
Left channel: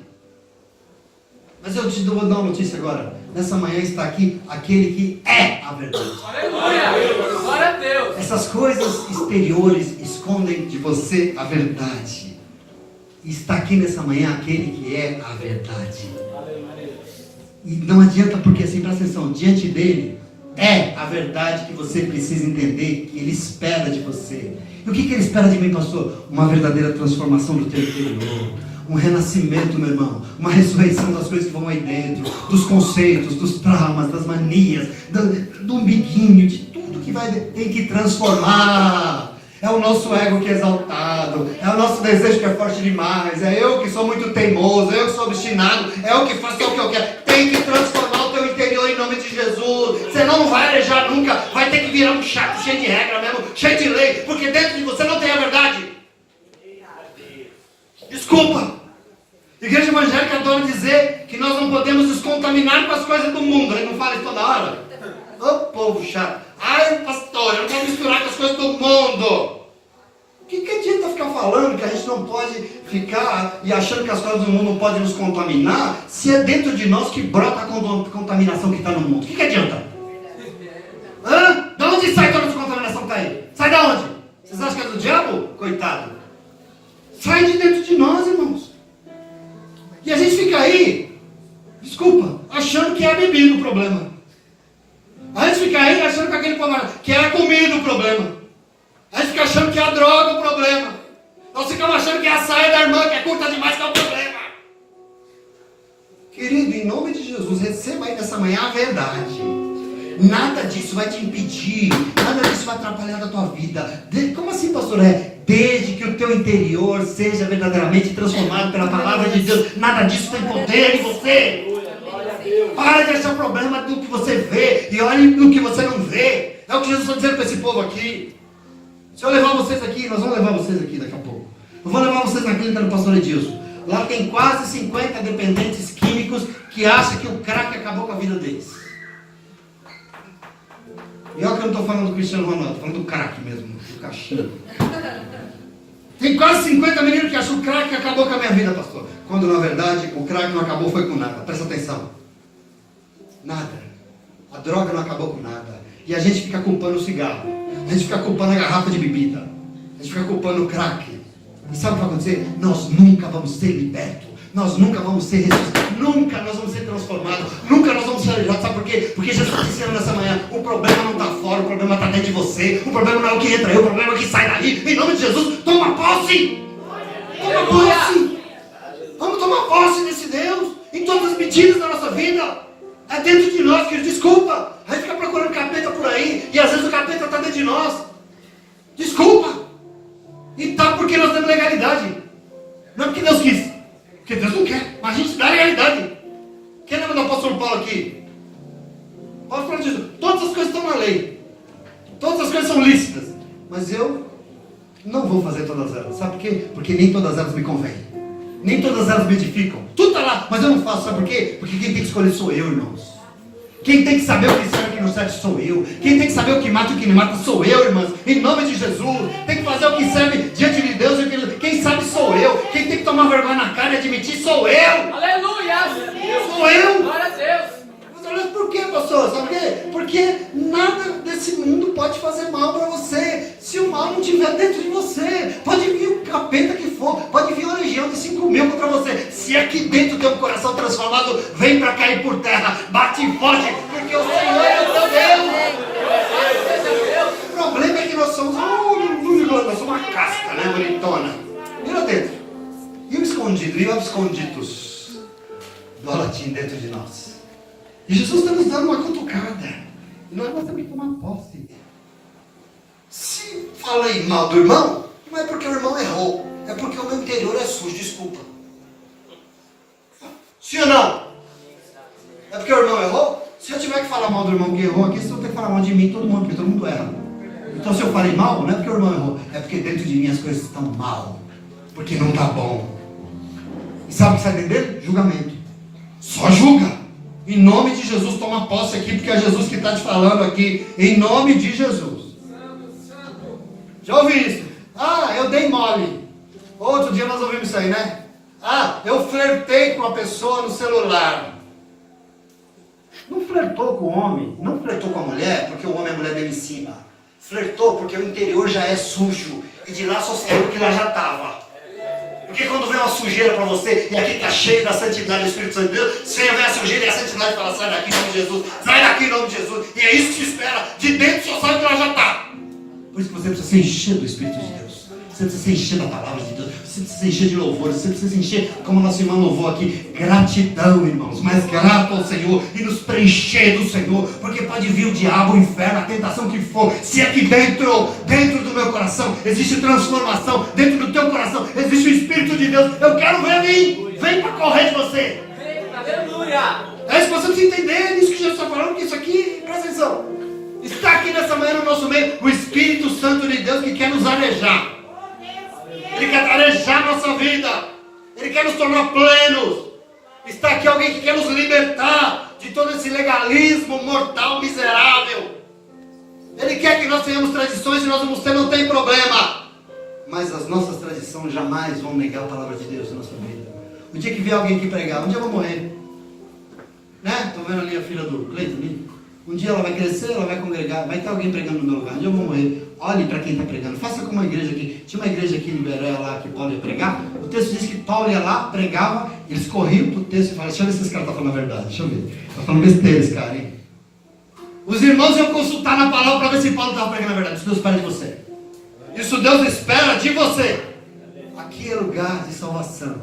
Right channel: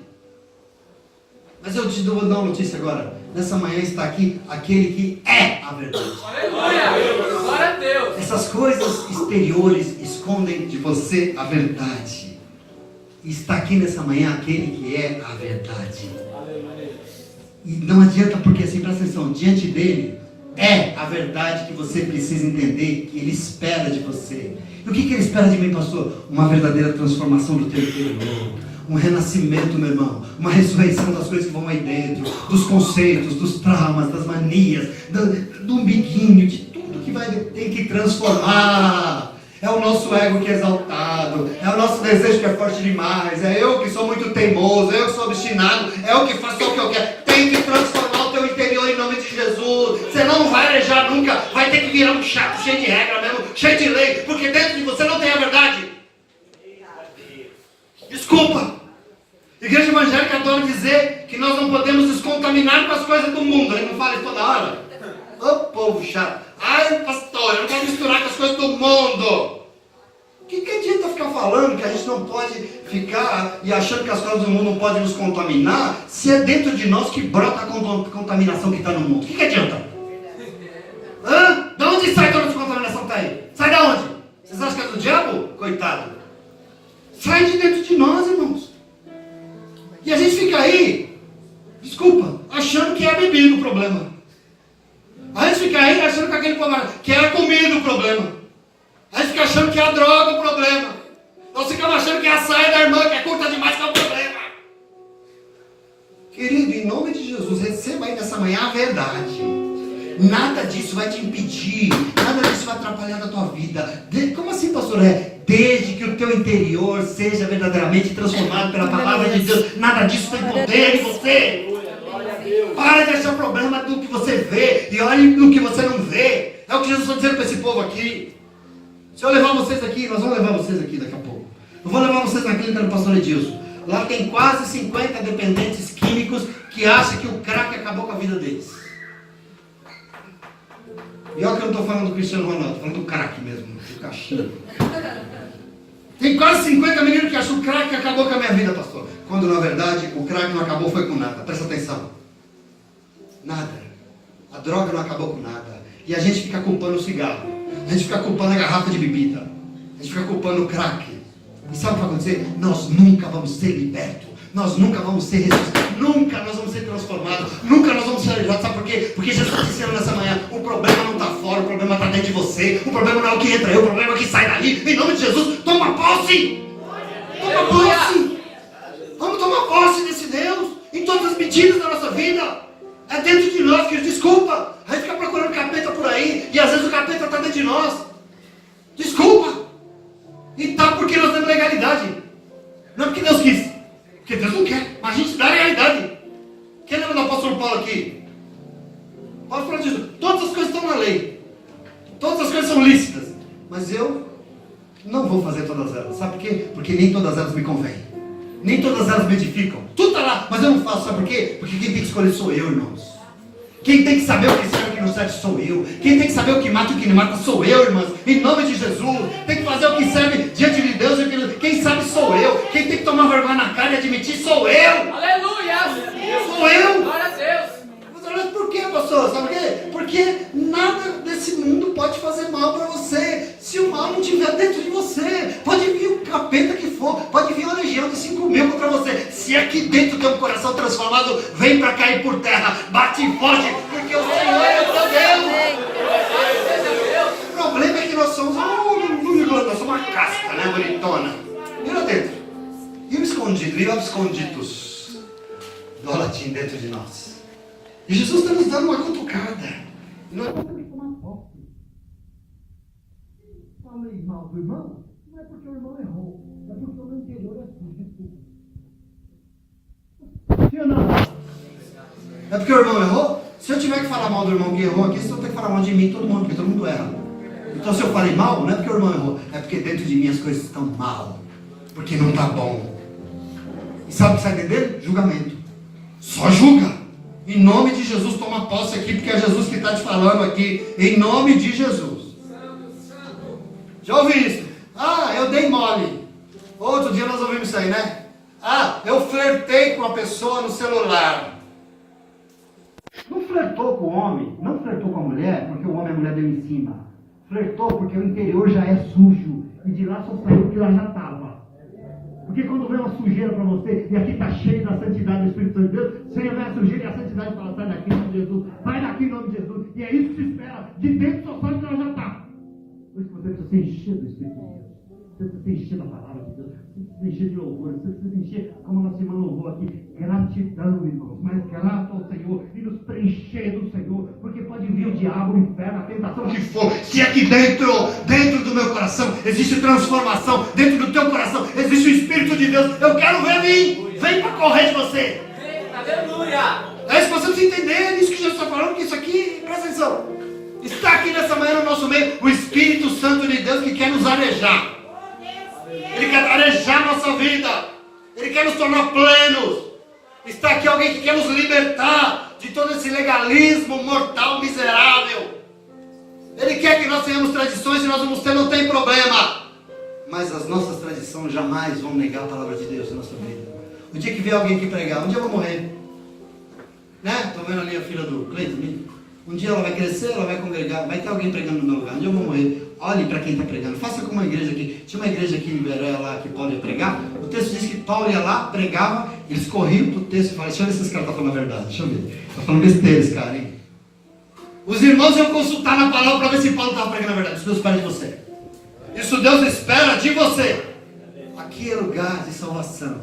Mas eu te vou dar uma notícia agora. Nessa manhã está aqui aquele que é a verdade. Aleluia! Glória a Deus! Essas coisas exteriores escondem de você a verdade. E está aqui nessa manhã aquele que é a verdade. E não adianta, porque assim, presta atenção, diante dele é a verdade que você precisa entender, que ele espera de você. E o que ele espera de mim, pastor? Uma verdadeira transformação do teu interior. Um renascimento, meu irmão, uma ressurreição das coisas que vão aí dentro, dos conceitos, dos traumas, das manias, do umbiguinho, de tudo que tem que transformar. É o nosso ego que é exaltado, é o nosso desejo que é forte demais, é eu que sou muito teimoso, eu que sou obstinado, é eu que faço o que eu quero. Tem que transformar o teu interior em nome de Jesus. Você não vai alejar nunca, vai ter que virar um chato cheio de regra mesmo, cheio de lei, porque dentro de você não tem a verdade. Desculpa. Igreja evangélica adora dizer que nós não podemos nos contaminar com as coisas do mundo. Ele não fala isso toda hora? Ô povo chato. Ai, pastor, eu não vou misturar com as coisas do mundo. O que adianta ficar falando que a gente não pode ficar e achando que as coisas do mundo não podem nos contaminar, se é dentro de nós que brota a contaminação que está no mundo? O que adianta? Hã? De onde sai toda essa contaminação que está aí? Sai da onde? Vocês acham que é do diabo? Coitado. Sai de dentro de nós, irmãos. E a gente fica aí, desculpa, achando que é a bebida o problema. A gente fica aí achando que aquele que é a comida o problema. A gente fica achando que é a droga o problema. Nós ficamos achando que é a saia da irmã que é curta demais que é o problema. Querido, em nome de Jesus, receba aí nessa manhã a verdade. Nada disso vai te impedir, nada disso vai atrapalhar a tua vida. Como assim, pastor? Desde que o teu interior seja verdadeiramente transformado pela palavra de Deus, nada disso tem poder em você. Para de achar problema no que você vê e olhe no que você não vê. É o que Jesus está dizendo para esse povo aqui. Se eu levar vocês aqui, nós vamos levar vocês aqui daqui a pouco. Eu vou levar vocês na clínica do pastor Edilson. Lá tem quase 50 dependentes químicos que acham que o crack acabou com a vida deles. E olha que eu não estou falando do Cristiano Ronaldo, estou falando do crack mesmo, do cachinho. Tem quase 50 meninos que acham que o crack acabou com a minha vida, pastor. Quando na verdade o crack não acabou foi com nada. Presta atenção. Nada. A droga não acabou com nada. E a gente fica culpando o cigarro. A gente fica culpando a garrafa de bebida. A gente fica culpando o crack. E sabe o que vai acontecer? Nós nunca vamos ser libertos. Nós nunca vamos ser ressuscitados. Nunca nós vamos ser transformados. Nunca nós vamos ser aliviados. Sabe por quê? Porque Jesus está dizendo nessa manhã: o problema não está fora, o problema está dentro de você. O problema não é o que entra aí, o problema é o que sai dali. Em nome de Jesus, toma posse! Toma posse! Vamos tomar posse desse Deus em todas as medidas da nossa vida. É dentro de nós, que desculpa. A gente fica procurando capeta por aí e às vezes o capeta está dentro de nós. Desculpa. E tá porque nós temos legalidade. Não é porque Deus quis. Porque Deus não quer. Mas a gente dá a realidade. Quem lembra do apóstolo Paulo aqui? Paulo falou disso. Todas as coisas estão na lei. Todas as coisas são lícitas. Mas eu não vou fazer todas elas. Sabe por quê? Porque nem todas elas me convêm. Nem todas elas me edificam. Tudo está lá, mas eu não faço. Sabe por quê? Porque quem tem que escolher sou eu, irmãos. Quem tem que saber o que serve e o que não serve sou eu. Quem tem que saber o que mata e o que não mata sou eu, irmãos. Em nome de Jesus. Tem que fazer o que serve diante de Deus. Quem sabe sou eu. Quem tem que tomar vergonha na cara e admitir sou eu. Aleluia! Sou eu. Glória a Deus! Mas por que, pastor? Sabe por quê? Porque nada desse mundo pode fazer mal para você. Se o mal não estiver dentro de você, pode vir o capeta que for, pode vir uma legião de 5.000 contra você. Se aqui dentro do teu coração transformado, vem para cair por terra, bate e foge, porque o Senhor é o teu Deus. O problema é que nós somos uma casca, né, bonitona. Mira dentro. E me escuta. escondido e abscondidos do latim dentro de nós. E Jesus está nos dando uma cutucada. E nós temos que tomar posse. Se falei mal do irmão, não é porque o irmão errou, é porque o meu interior é sujo, desculpa. Sim ou não? É porque o irmão errou? Se eu tiver que falar mal do irmão que errou aqui, você vai ter que falar mal de mim, todo mundo, porque todo mundo erra. Então se eu falei mal, não é porque o irmão errou, é porque dentro de mim as coisas estão mal. Porque não está bom. E sabe o que sai dele? Julgamento. Só julga. Em nome de Jesus, toma posse aqui, porque é Jesus que está te falando aqui. Em nome de Jesus. Já ouvi isso? Ah, eu dei mole. Outro dia nós ouvimos isso aí, né? Ah, eu flertei com uma pessoa no celular. Não flertou com o homem, não flertou com a mulher, porque o homem e a mulher dele em cima. Flertou porque o interior já é sujo. E de lá só saiu que lá já estava. Porque quando vem uma sujeira para você, e aqui está cheio da santidade do Espírito Santo de Deus, você vê a sujeira e a santidade fala, sai daqui em nome de Jesus, sai daqui em nome de Jesus. E é isso que se espera. De dentro só sabe que ela já está. Por isso que você precisa se encher do Espírito de Deus. Você precisa se encher da palavra de Deus. Você precisa se encher de louvor. Você precisa se encher, como nosso irmão louvou aqui, gratidão, irmãos. Mas grato ao Senhor e nos preencher do Senhor. Porque pode vir o diabo, o inferno, a tentação que for. Se aqui dentro do meu coração, existe transformação. Dentro do teu coração, existe o Espírito de Deus. Eu quero ver vir. Vem para correr de você. Aleluia! É isso que você precisa entender. É isso que Jesus está falando. Que isso aqui, presta atenção. Está aqui nessa manhã no nosso meio o Espírito Santo de Deus que quer nos arejar. Ele quer arejar a nossa vida. Ele quer nos tornar plenos. Está aqui alguém que quer nos libertar de todo esse legalismo mortal, miserável. Ele quer que nós tenhamos tradições e nós vamos ter, não tem problema. Mas as nossas tradições jamais vão negar a palavra de Deus na nossa vida. O dia que vier alguém aqui pregar, um dia eu vou morrer. Né? Estou vendo ali a filha do Cleiton. Um dia ela vai crescer, ela vai congregar, vai ter alguém pregando no meu lugar. Um dia eu vou morrer. Olhe para quem está pregando. Faça como uma igreja aqui. Tinha uma igreja aqui em Beré lá que Paulo ia pregar. O texto diz que Paulo ia lá, pregava, eles corriam para o texto e falavam, deixa eu ver se esse cara está falando a verdade. Deixa eu ver. Está falando besteira esse cara, hein? Os irmãos iam consultar na palavra para ver se Paulo estava pregando a verdade. Isso Deus espera de você. Isso Deus espera de você. Aqui é lugar de salvação.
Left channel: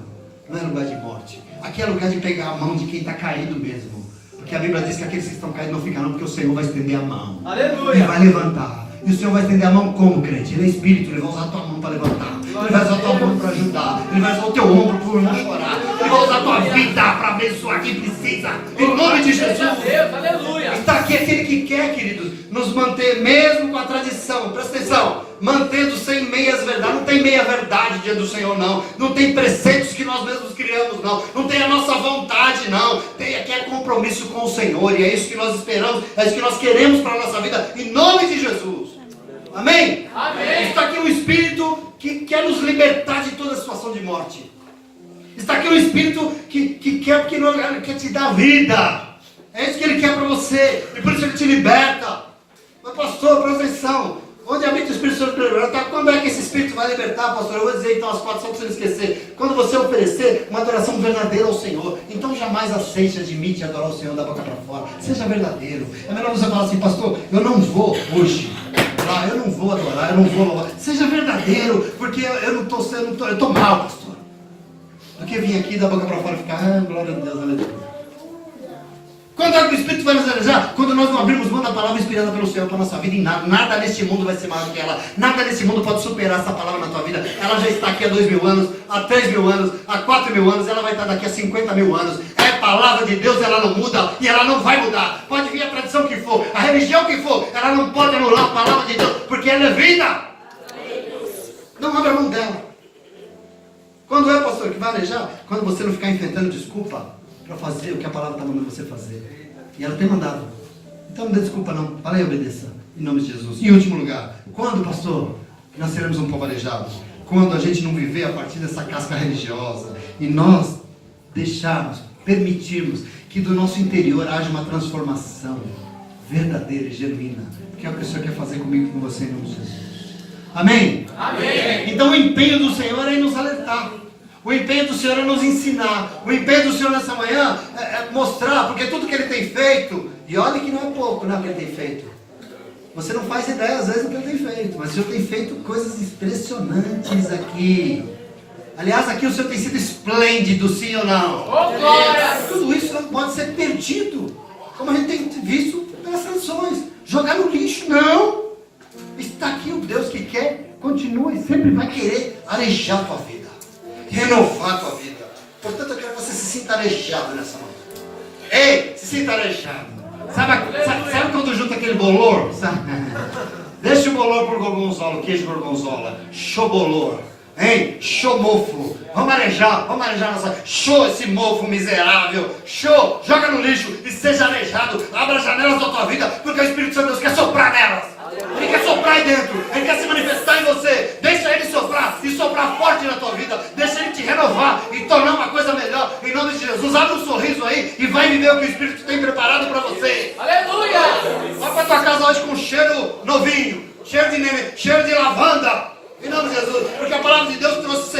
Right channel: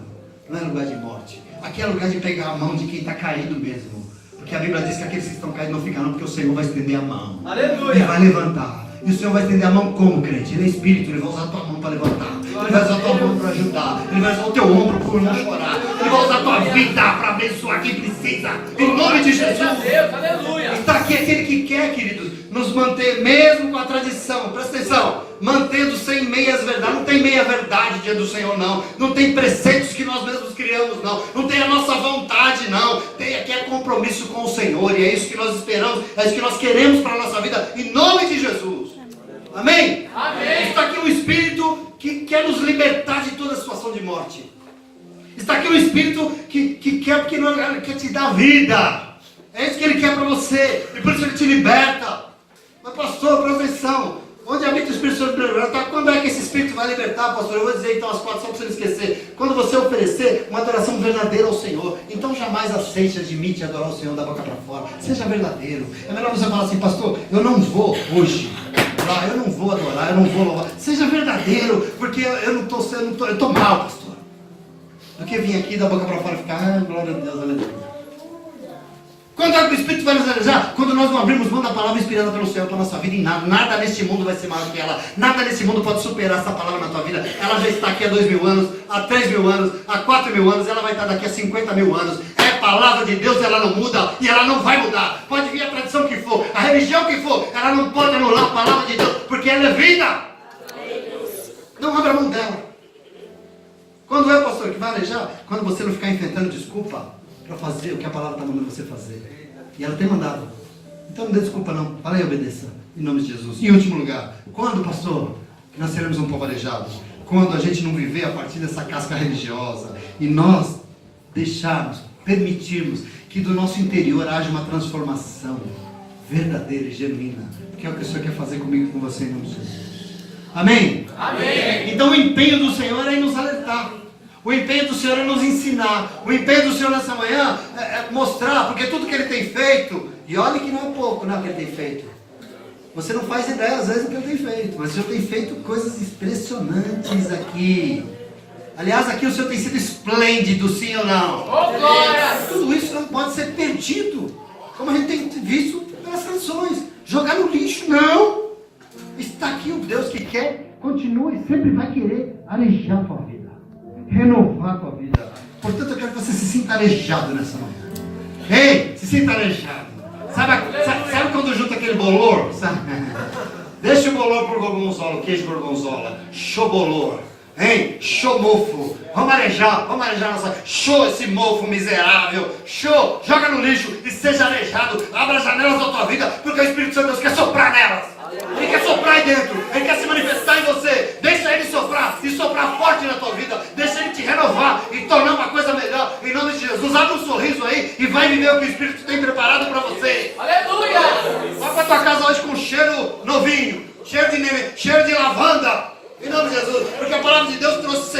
Não é lugar de morte. Aqui é lugar de pegar a mão de quem está caído mesmo. Porque a Bíblia diz que aqueles que estão caídos não ficarão, porque o Senhor vai estender a mão. Aleluia! Ele vai levantar. E o Senhor vai estender a mão como, crente? Ele é espírito, ele vai usar a tua mão para levantar. Ele vai usar a tua mão para ajudar. Ele vai usar o teu ombro para não chorar. Ele vai usar a tua vida para abençoar quem precisa. Em nome de Jesus. Aleluia! Está aqui aquele que quer, queridos, nos manter mesmo com a tradição. Presta atenção. Mantendo sem meias verdades. Não tem meia verdade diante do Senhor, não. Não tem preceitos que nós mesmos criamos, não. Não tem a nossa vontade, não. Tem aqui é compromisso com o Senhor. E é isso que nós esperamos. É isso que nós queremos para a nossa vida. Em nome de Jesus. Amém? Amém. Está aqui o Espírito que quer nos libertar de toda situação de morte. Está aqui o Espírito que quer, porque ele quer te dar vida. É isso que ele quer para você. E por isso ele te liberta. Mas pastor, presta atenção. Onde habita o Espírito Santo libertar? Quando é que esse Espírito vai libertar, pastor? Eu vou dizer então as quatro, só para você não esquecer. Quando você oferecer uma adoração verdadeira ao Senhor, então jamais aceite, admite adorar o Senhor da boca para fora. Seja verdadeiro. É melhor você falar assim, pastor, eu não vou hoje. Eu não vou adorar, eu não vou louvar. Seja verdadeiro, porque eu estou mal, pastor. Do que vir aqui da boca para fora e ficar, glória a Deus, aleluia. Quando é que o Espírito vai nos realizar? Quando nós não abrimos mão da palavra inspirada pelo Senhor para a nossa vida em nada. Nada neste mundo vai ser maior do que ela. Nada neste mundo pode superar essa palavra na tua vida. Ela já está aqui há 2.000 anos, há 3.000 anos, há 4.000 anos. Ela vai estar daqui a 50.000 anos. É palavra de Deus, ela não muda e ela não vai mudar. Pode vir a tradição que for, a religião que for, ela não pode anular a palavra de Deus, porque ela é vida. Não abra mão dela. Quando é, pastor, que vai alejar? Quando você não ficar inventando desculpa para fazer o que a palavra está mandando você fazer. E ela tem mandado. Então não dê desculpa não. Fala e obedeça. Em nome de Jesus. Em último lugar. Quando, pastor, nós seremos um povo aleijado? Quando a gente não viver a partir dessa casca religiosa. E nós deixarmos, permitirmos que do nosso interior haja uma transformação verdadeira e genuína. Que é o que o Senhor quer fazer comigo e com você em nome de Jesus. Amém? Amém. Então o empenho do Senhor é em nos alertar. O empenho do Senhor é nos ensinar. O empenho do Senhor nessa manhã é mostrar, porque tudo que Ele tem feito, e olha que não é pouco, né, o que Ele tem feito. Você não faz ideia às vezes do que Ele tem feito, mas o Senhor tem feito coisas impressionantes aqui. Aliás, aqui o Senhor tem sido esplêndido, sim ou não? Oh, glória. Tudo isso não pode ser perdido, como a gente tem visto pelas canções. Jogar no lixo, não. Está aqui o Deus que quer, continua e sempre vai querer arejar a tua vida, renovar a tua vida. Portanto, eu quero que você se sinta arejado nessa manhã. Ei, se sinta arejado. Sabe quando junta aquele bolor? Sabe? Deixa o bolor pro gorgonzola, queijo gorgonzola. Show bolor. Hein? Show mofo. Vamos arejar nossa. Show esse mofo miserável. Show, joga no lixo e seja arejado. Abra as janelas da tua vida, porque o Espírito Santo de Deus quer soprar nelas. Ele quer soprar aí dentro. Ele quer se manifestar em você. Deixa ele soprar e soprar forte na tua vida. Deixa ele te renovar e tornar uma coisa melhor. Em nome de Jesus, abre um sorriso aí e vai viver o que o Espírito tem preparado para você. Aleluia. Vai para tua casa hoje com cheiro novinho, cheiro de lavanda. Em nome de Jesus, porque a palavra de Deus trouxe